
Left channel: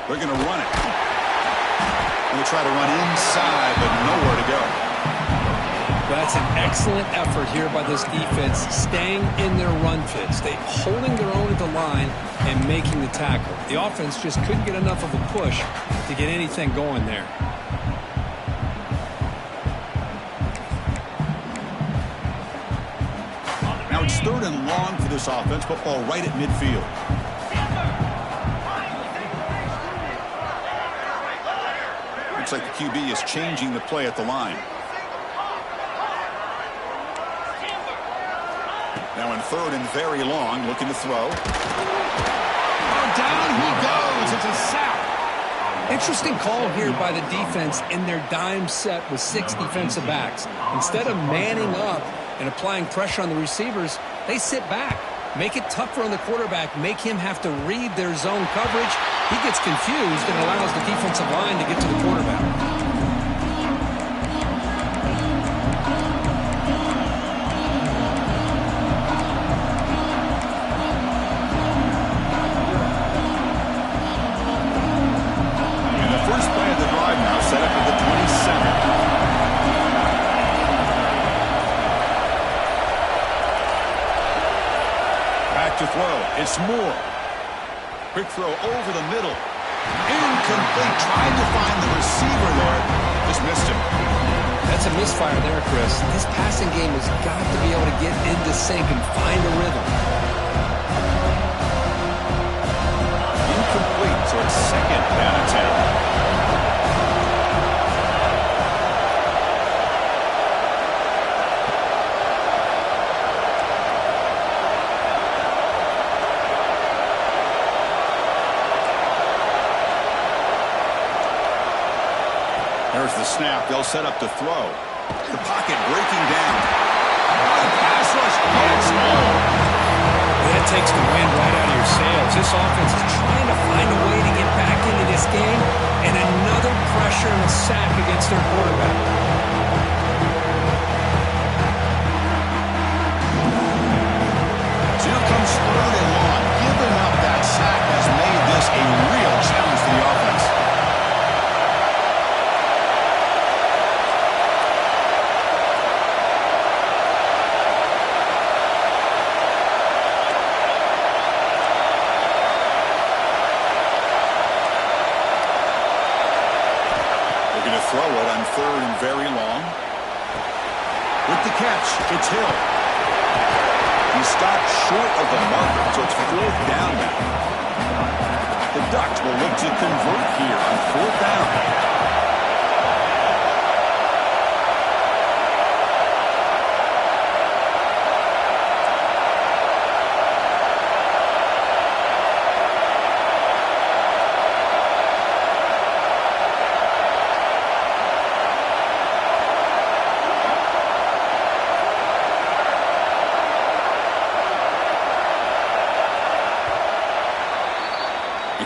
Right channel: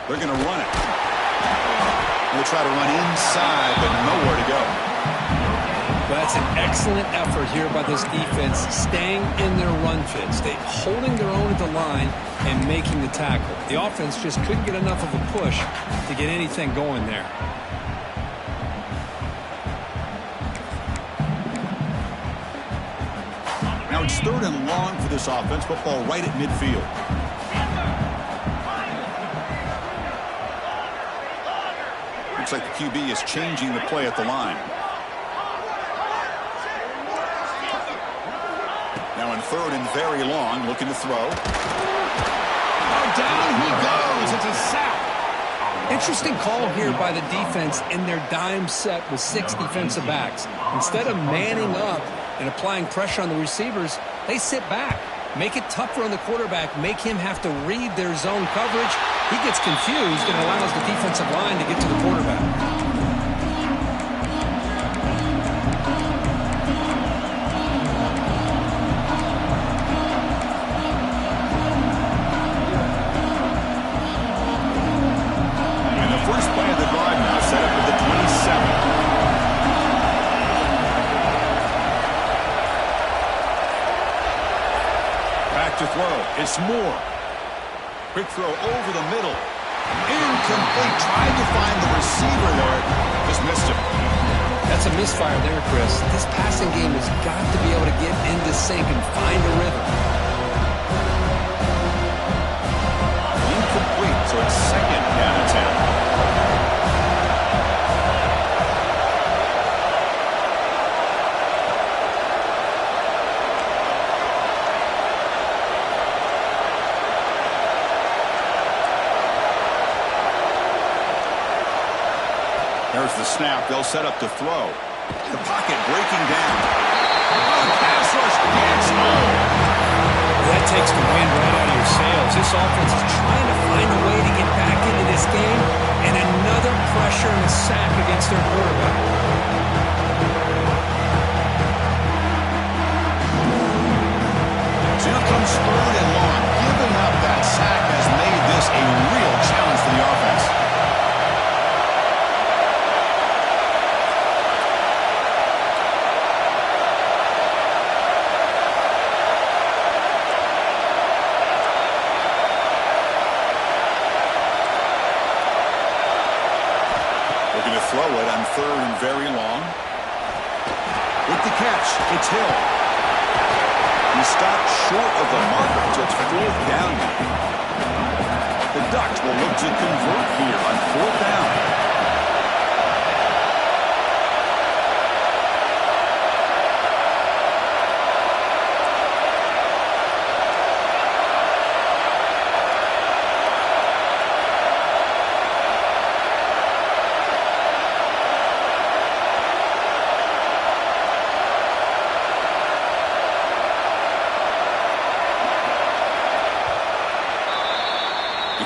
They're going to run it. Going to try to run inside, but nowhere to go. Well, that's an excellent effort here by this defense, staying in their run fits. They holding their own at the line and making the tackle. The offense just couldn't get enough of a push to get anything going there. Now it's third and long for this offense. Football right at midfield. Looks like the QB is changing the play at the line. Now in third and very long, looking to throw. Oh, down he goes. It's a sack. Interesting call here by the defense in their dime set with 6 defensive backs. Instead of manning up and applying pressure on the receivers, they sit back. Make it tougher on the quarterback. Make him have to read their zone coverage. He gets confused and allows the defensive line to get to the quarterback. First play of the drive now set up at the 27. Back to throw. It's Moore. Quick throw over the middle. Incomplete. Tried to find the receiver there. Just missed him. That's a misfire there, Chris. This passing game has got to be able to get into sync and find a rhythm. Incomplete, so it's second down and 10. There's the snap. They'll set up to throw. The pocket breaking down. The pass rush gets home. That takes the wind right out of your sails. This offense is trying to find a way to get back into this game, and another pressure and a sack against their quarterback. So here comes third and long. Giving up that sack has made this a real challenge for the offense. Looking to throw it on third and very long. With the catch, it's Hill. He stopped short of the marker, so it's fourth down now. The Ducks will look to convert here on fourth down.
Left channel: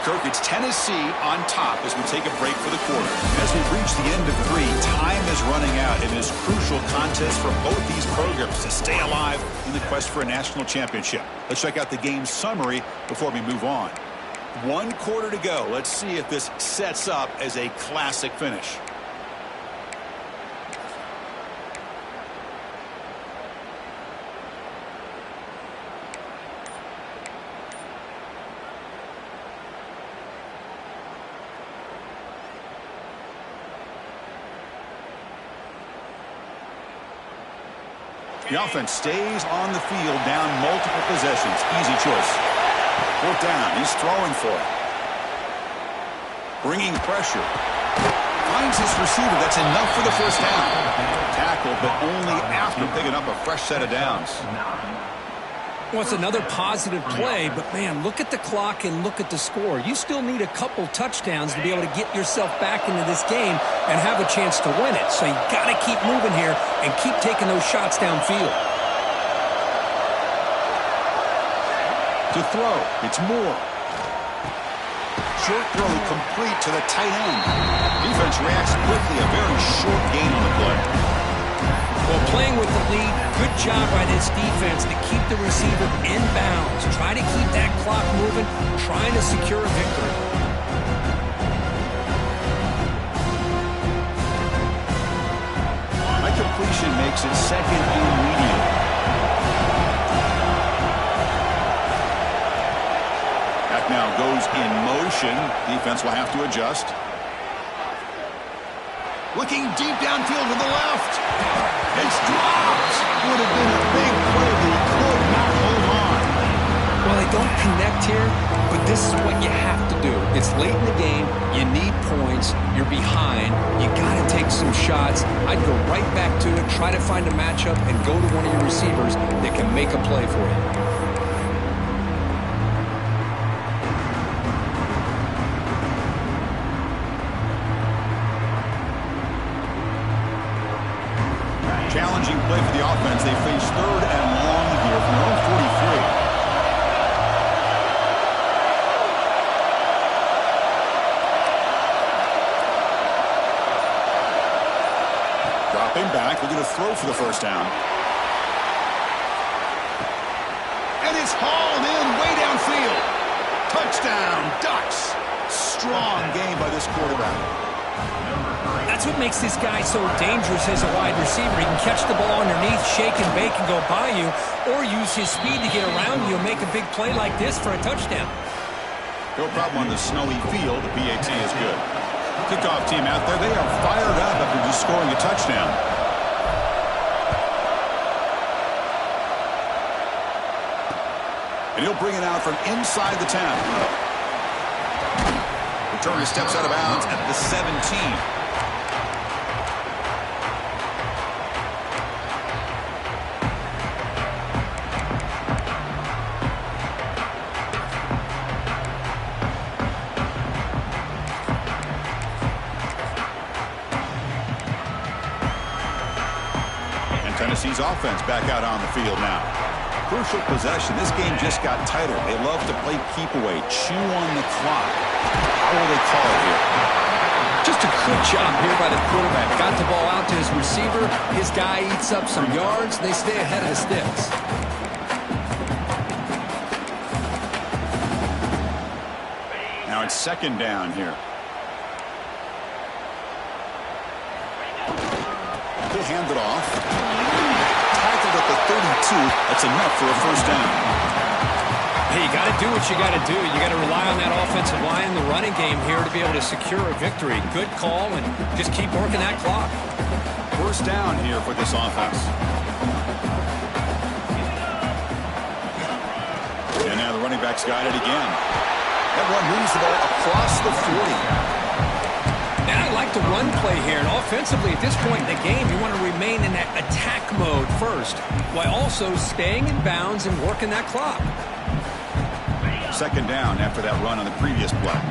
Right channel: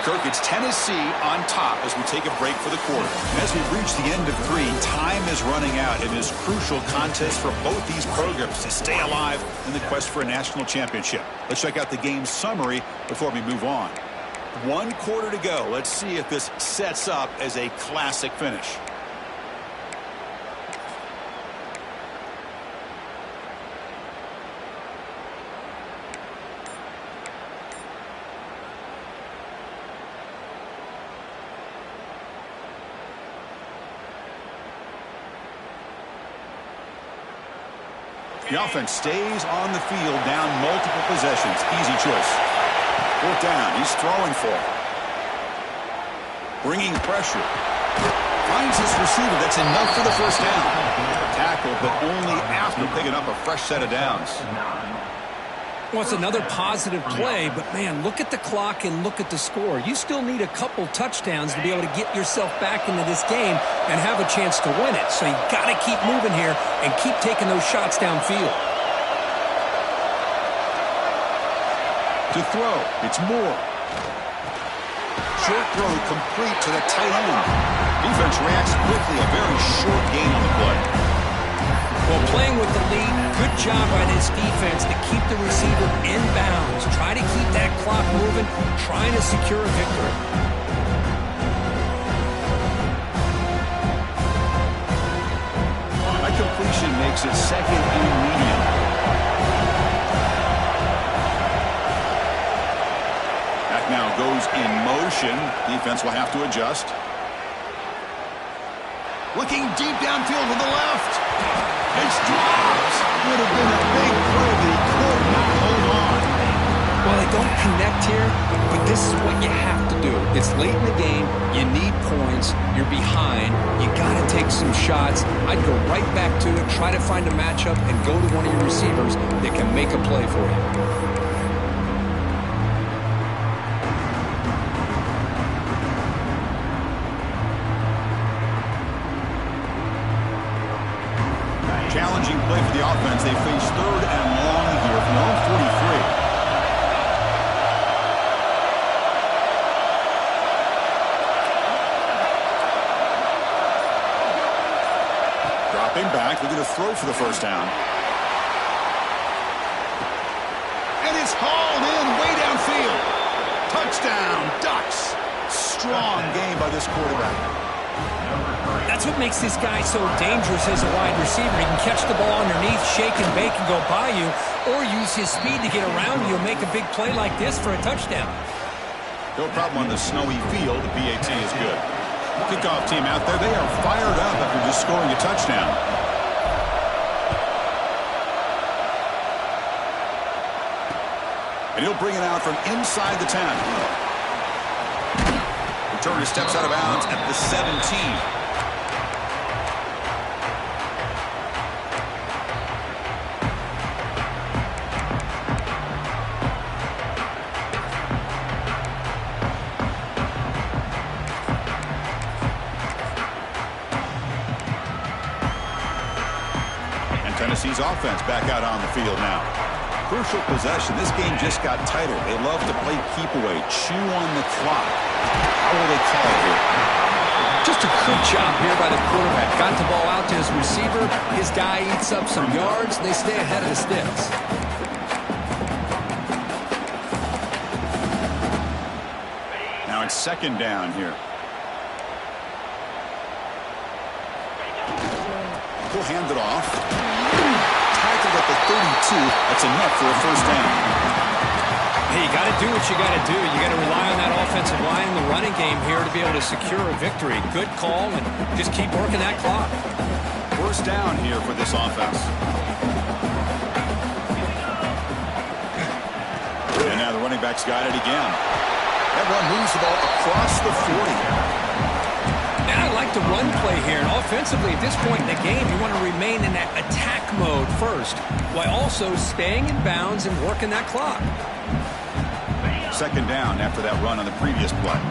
Kirk, it's Tennessee on top as we take a break for the quarter. As we've reached the end of 3, time is running out in this crucial contest for both these programs to stay alive in the quest for a national championship. Let's check out the game summary before we move on. 1 quarter to go. Let's see if this sets up as a classic finish. The offense stays on the field, down multiple possessions. Easy choice. Fourth down. He's throwing for it. Bringing pressure. Finds his receiver. That's enough for the first down. Tackle, but only after picking up a fresh set of downs. Well, it's another positive play, but, man, look at the clock and look at the score. You still need a couple touchdowns to be able to get yourself back into this game and have a chance to win it. So you got to keep moving here and keep taking those shots downfield. To throw, it's Moore. Short throw complete to the tight end. Defense reacts quickly, a very short gain on the play. Well, playing with the lead, good job by this defense to keep the receiver in bounds. Try to keep that clock moving, trying to secure a victory. That completion makes it second and medium. Back now goes in motion. Defense will have to adjust. Looking deep downfield to the left. It's dropped. Would have been a big play, but he could not hold on. Well, they don't connect here, but this is what you have to do. It's late in the game. You need points. You're behind. You got to take some shots. I'd go right back to it, try to find a matchup, and go to one of your receivers that can make a play for you. play for the offense. They face 3rd and long here from their own 43. Dropping back, looking to throw for the first down. And it's hauled in way downfield. Touchdown, Ducks. Strong game by this quarterback. That's what makes this guy so dangerous as a wide receiver. He can catch the ball underneath, shake and bake and go by you, or use his speed to get around you and make a big play like this for a touchdown. No problem on the snowy field. The PAT is good. Kickoff team out there. They are fired up after just scoring a touchdown. And he'll bring it out from inside the 10. Returner steps out of bounds at the 17. Tennessee's offense back out on the field now. Crucial possession. This game just got tighter. They love to play keep away, chew on the clock. How will they call it here? Just a good job here by the quarterback. Got the ball out to his receiver. His guy eats up some yards. They stay ahead of the sticks. Now it's 2nd down here. He'll hand it off. Tackled at the 32. That's enough for a first down. Hey, you got to do what you got to do. You got to rely on that offensive line in the running game here to be able to secure a victory. Good call, and just keep working that clock. First down here for this offense. And now the running back's got it again. That run moves the ball across the 40. And I like the run play here. And offensively, at this point in the game, you want to remain in that attack mode first, while also staying in bounds and working that clock. 2nd down after that run on the previous play.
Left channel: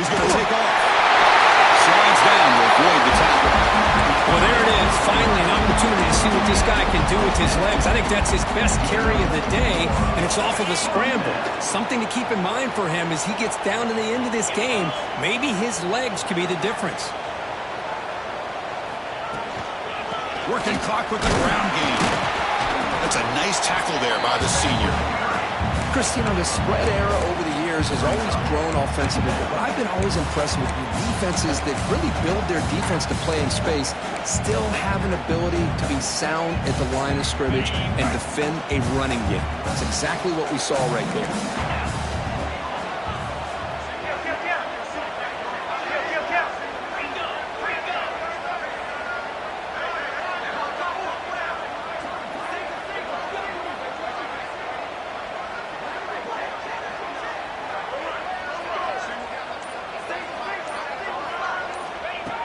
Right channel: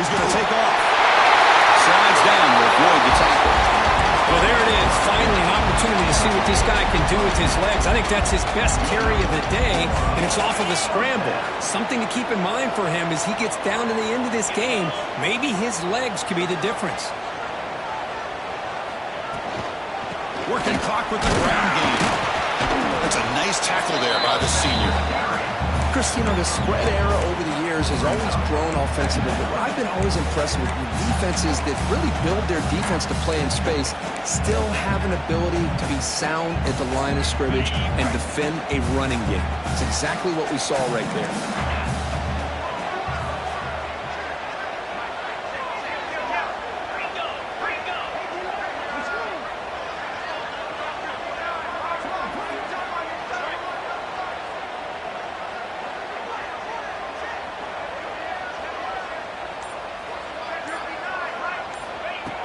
He's going to take off. Slides down to avoid the tackle. Well, there it is. Finally, an opportunity to see what this guy can do with his legs. I think that's his best carry of the day, and it's off of a scramble. Something to keep in mind for him as he gets down to the end of this game. Maybe his legs could be the difference. Working clock with the ground game. That's a nice tackle there by the senior. Chris, you know, the spread era over the years has always grown offensively, but what I've been always impressed with defenses that really build their defense to play in space still have an ability to be sound at the line of scrimmage and defend a running game. That's exactly what we saw right there.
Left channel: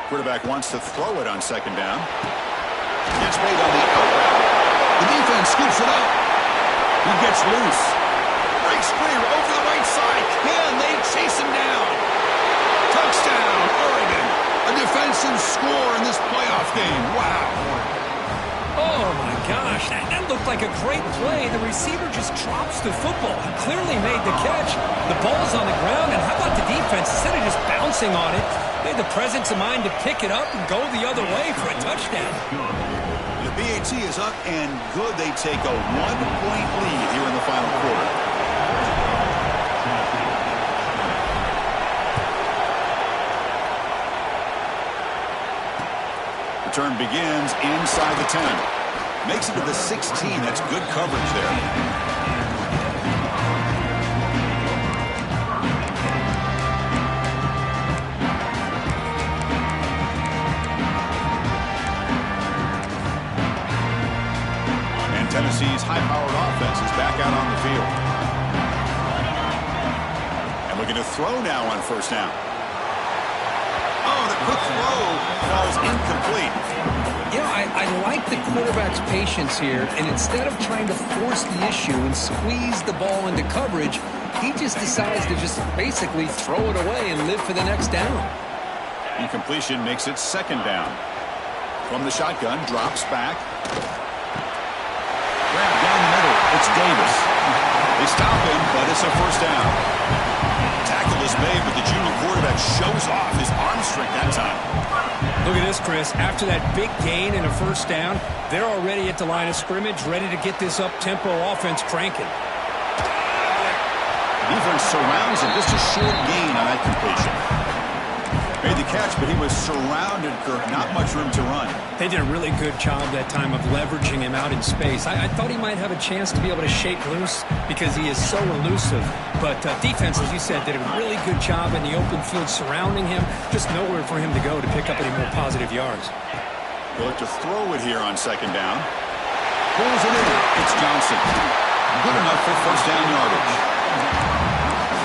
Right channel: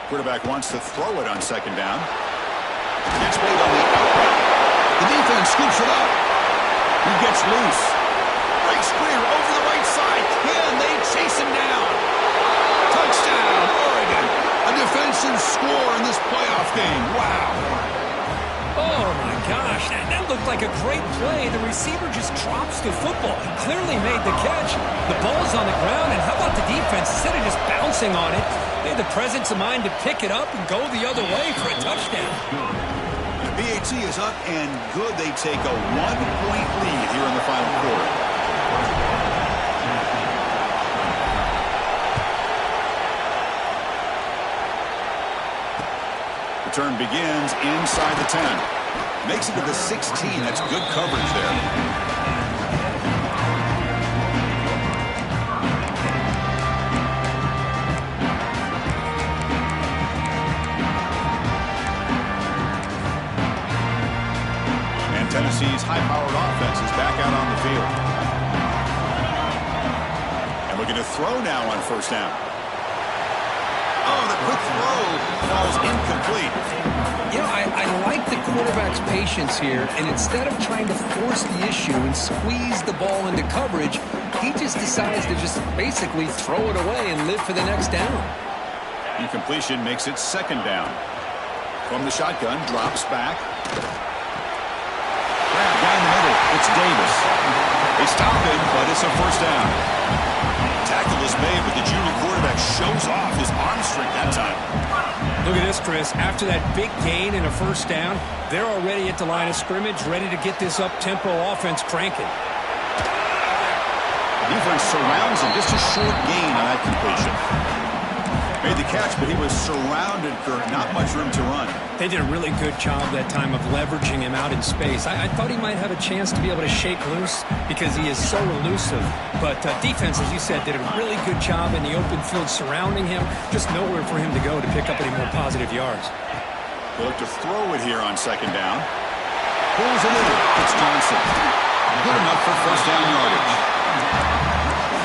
Quarterback wants to throw it on 2nd down. Gets made on the out route. The defense scoops it up. He gets loose. Breaks clear over the right side. Can they chase him down? Touchdown, Oregon. A defensive score in this playoff game. Wow. Oh, my gosh. That looked like a great play. The receiver just drops the football. He clearly made the catch. The ball's on the ground, and how about the defense? Instead of just bouncing on it, they had the presence of mind to pick it up and go the other way for a touchdown. The BAT is up and good. They take a 1-point lead here in the final quarter. Return begins inside the 10. Makes it to the 16. That's good coverage there. And Tennessee's high-powered offense is back out on the field. And looking to throw now on 1st down. Oh, the quick throw falls incomplete. You know, I like the quarterback's patience here, and instead of trying to force the issue and squeeze the ball into coverage, he just decides to just basically throw it away and live for the next down. Incompletion makes it second down. From the shotgun, drops back. Grab down the middle. It's Davis. They stop him, but it's a first down. Tackle is made, but the junior quarterback shows off his arm strength that time. Look at this, Chris. After that big gain and a first down, they're already at the line of scrimmage, ready to get this up-tempo offense cranking. The defense surrounds him. Just a short gain on that completion. Made the catch, but he was surrounded, Kirk. Not much room to run. They did a really good job that time of leveraging him out in space. I thought he might have a chance to be able to shake loose because he is so elusive. But defense, as you said, did a really good job in the open field surrounding him. Just nowhere for him to go to pick up any more positive yards. They'll look to throw it here on second down. Pulls it in. It's Johnson. Good enough for first down yardage.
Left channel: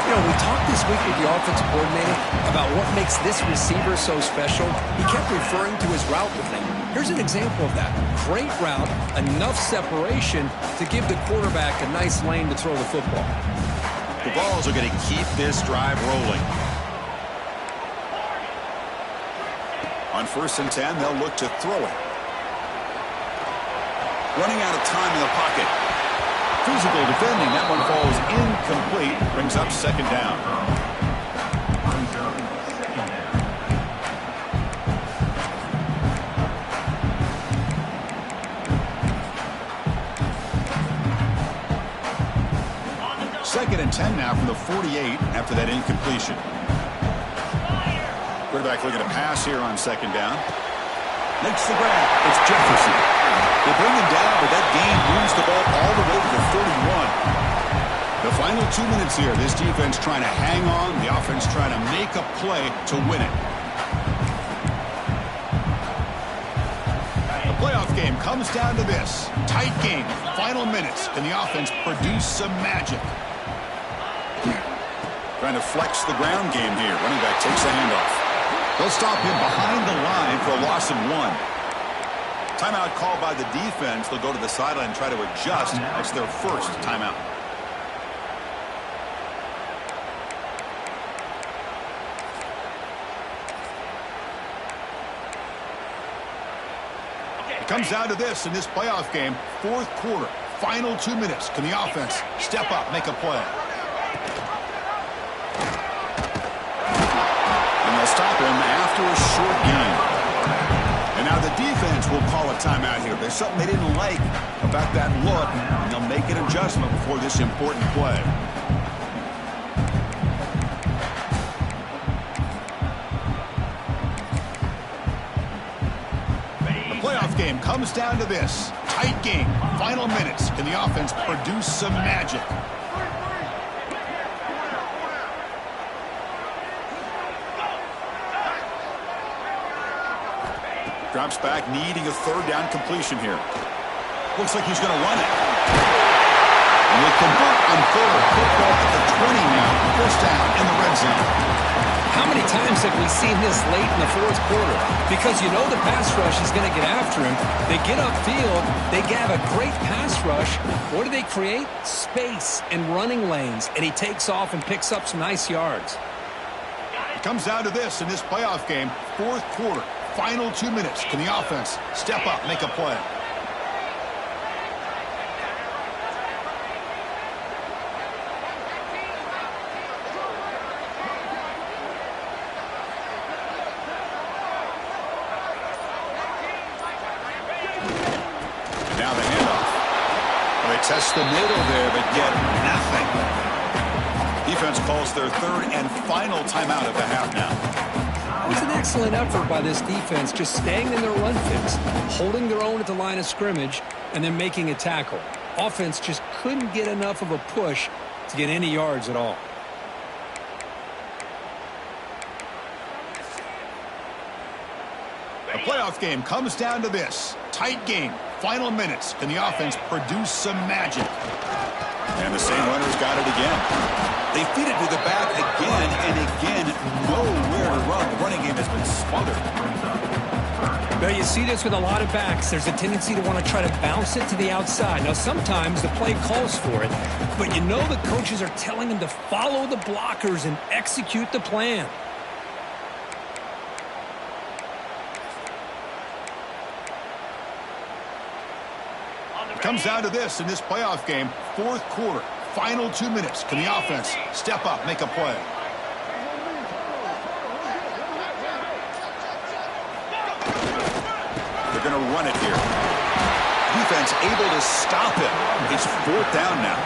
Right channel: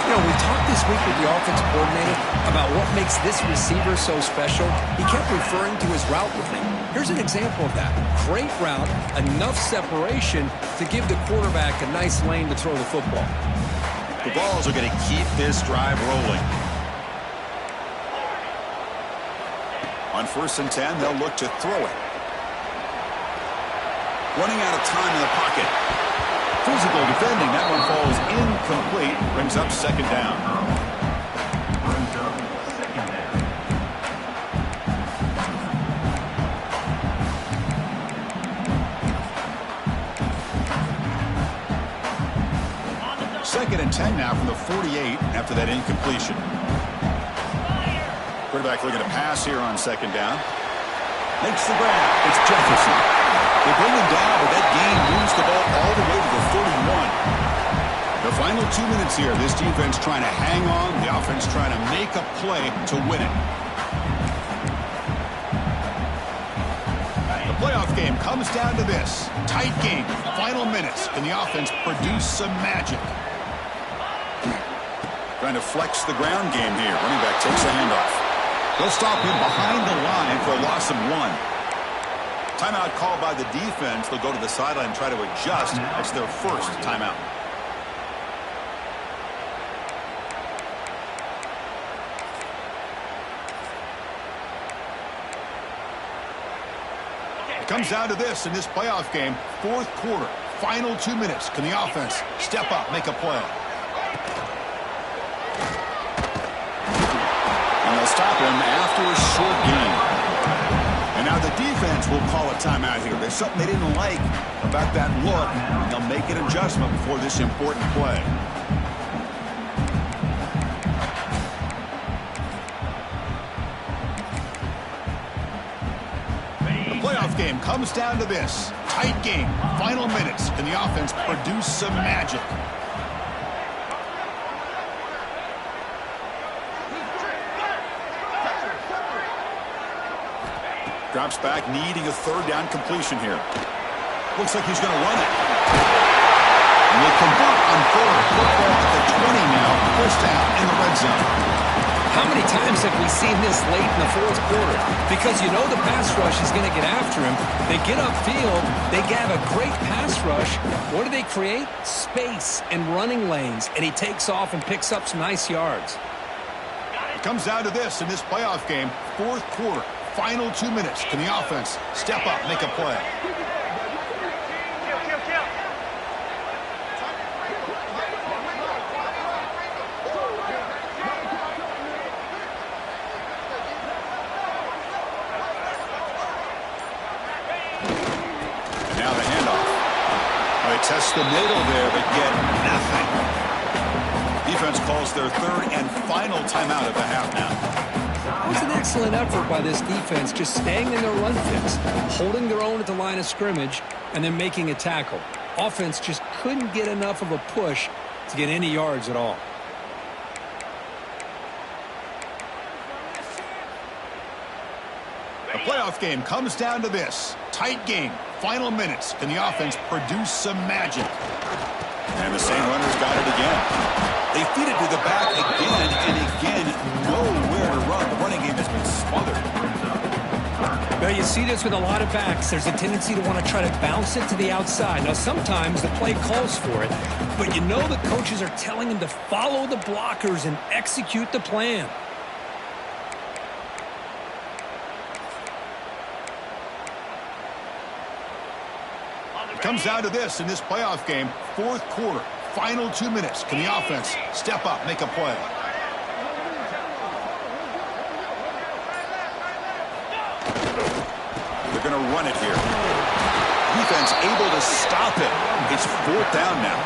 You know, we talked this week with the offensive coordinator about what makes this receiver so special. He kept referring to his route running. Here's an example of that. Great route, enough separation to give the quarterback a nice lane to throw the football. The Vols are going to keep this drive rolling. On 1st and 10, they'll look to throw it. Running out of time in the pocket. Physical defending. That one falls incomplete. Brings up second down. Brings up second down. Second and 10 now from the 48 after that incompletion. Quarterback looking to pass here on second down. Makes the grab. It's Jefferson. They bring him down, but that gain moves the ball all the way to the 31. The final 2 minutes here. This defense trying to hang on. The offense trying to make a play to win it. The playoff game comes down to this. Tight game. Final minutes. Can the offense produce some magic? Trying to flex the ground game here. Running back takes the handoff. They'll stop him behind the line for a loss of 1. Timeout called by the defense. They'll go to the sideline and try to adjust. That's their first timeout. It comes down to this in this playoff game. 4th quarter. Final 2 minutes. Can the offense step up, make a play? And they'll stop him after a short game. And now the defense will call a timeout here. There's something they didn't like about that look, and they'll make an adjustment before this important play. The playoff game comes down to this. Tight game. Final minutes. Can the offense produce some magic? Drops back, needing a 3rd down completion here. Looks like he's going to run it. And they convert on 3rd. Football at the 20 now. First down in the red zone. How many times have we seen this late in the 4th quarter? Because you know the pass rush is going to get after him. They get upfield. They have a great pass rush. What do they create? Space and running lanes. And he takes off and picks up some nice yards. It comes down to this in this playoff game. 4th quarter. Final 2 minutes. Can the offense step up, make a play? And now the handoff. Well, they test the middle there, but get nothing. Defense calls their 3rd and final timeout of the half now. It was an excellent effort by this defense, just staying in their run fix, holding their own at the line of scrimmage, and then making a tackle. Offense just couldn't get enough of a push to get any yards at all. The playoff game comes down to this. Tight game. Final minutes. Can the offense produce some magic? And the same runners got it again. They feed it to the back again and again. Nowhere to run. The running game has been smothered. Well, you see this with a lot of backs. There's a tendency to want to try to bounce it to the outside. Now, sometimes the play calls for it, but you know the coaches are telling them to follow the blockers and execute the plan. It comes down to this in this playoff game, fourth quarter, final 2 minutes. Can the offense step up, make a play? They're going to run it here. Defense able to stop it. It's fourth down now.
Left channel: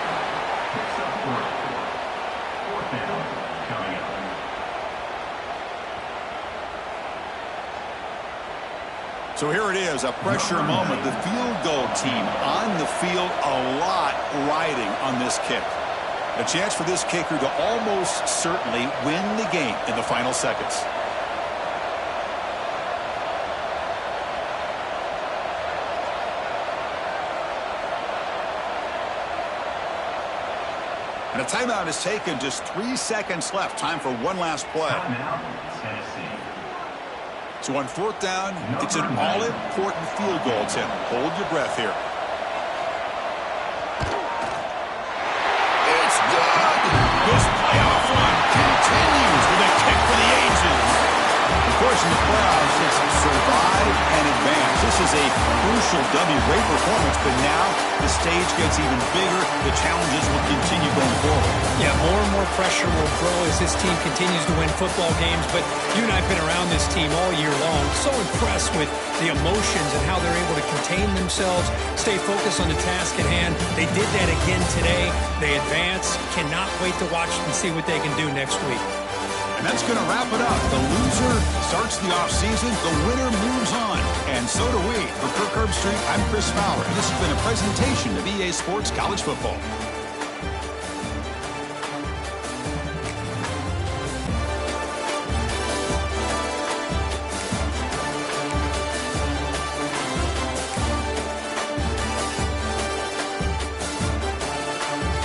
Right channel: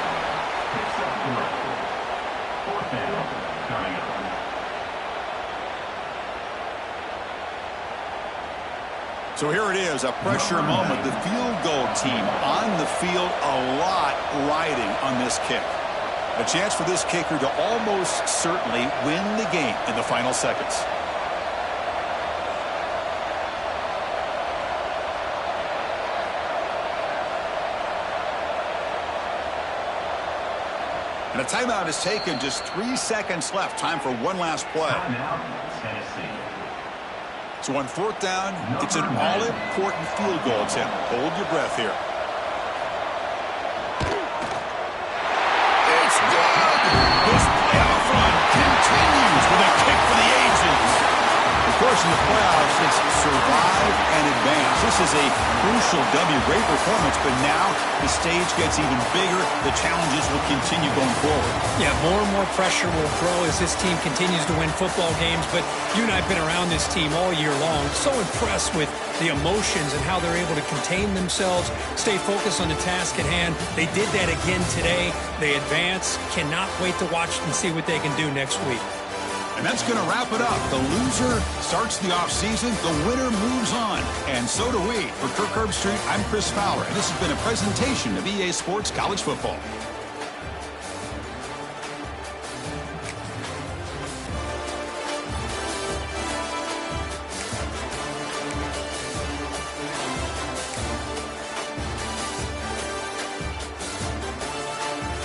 Picks up 3. Fourth down coming up. So here it is, a pressure moment. The field goal team on the field, a lot riding on this kick. A chance for this kicker to almost certainly win the game in the final seconds. And a timeout is taken, just 3 seconds left. Time for one last play. Timeout, Tennessee. So on fourth down, it's an all-important field goal, Tim. Hold your breath here. It's good! This playoff run continues with a kick for the ages. Of course, in the playoffs, it's survive and advance. This is a crucial W. Great performance, but now the stage gets even bigger. The challenges will continue going forward. Yeah, more and more pressure will grow as this team continues to win football games, but you and I have been around this team all year long. So impressed with the emotions and how they're able to contain themselves, stay focused on the task at hand. They did that again today. They advance. Cannot wait to watch and see what they can do next week. And that's going to wrap it up. The loser starts the offseason. The winner moves on. And so do we. For Kirk Herbstreit, I'm Chris Fowler. And this has been a presentation of EA Sports College Football.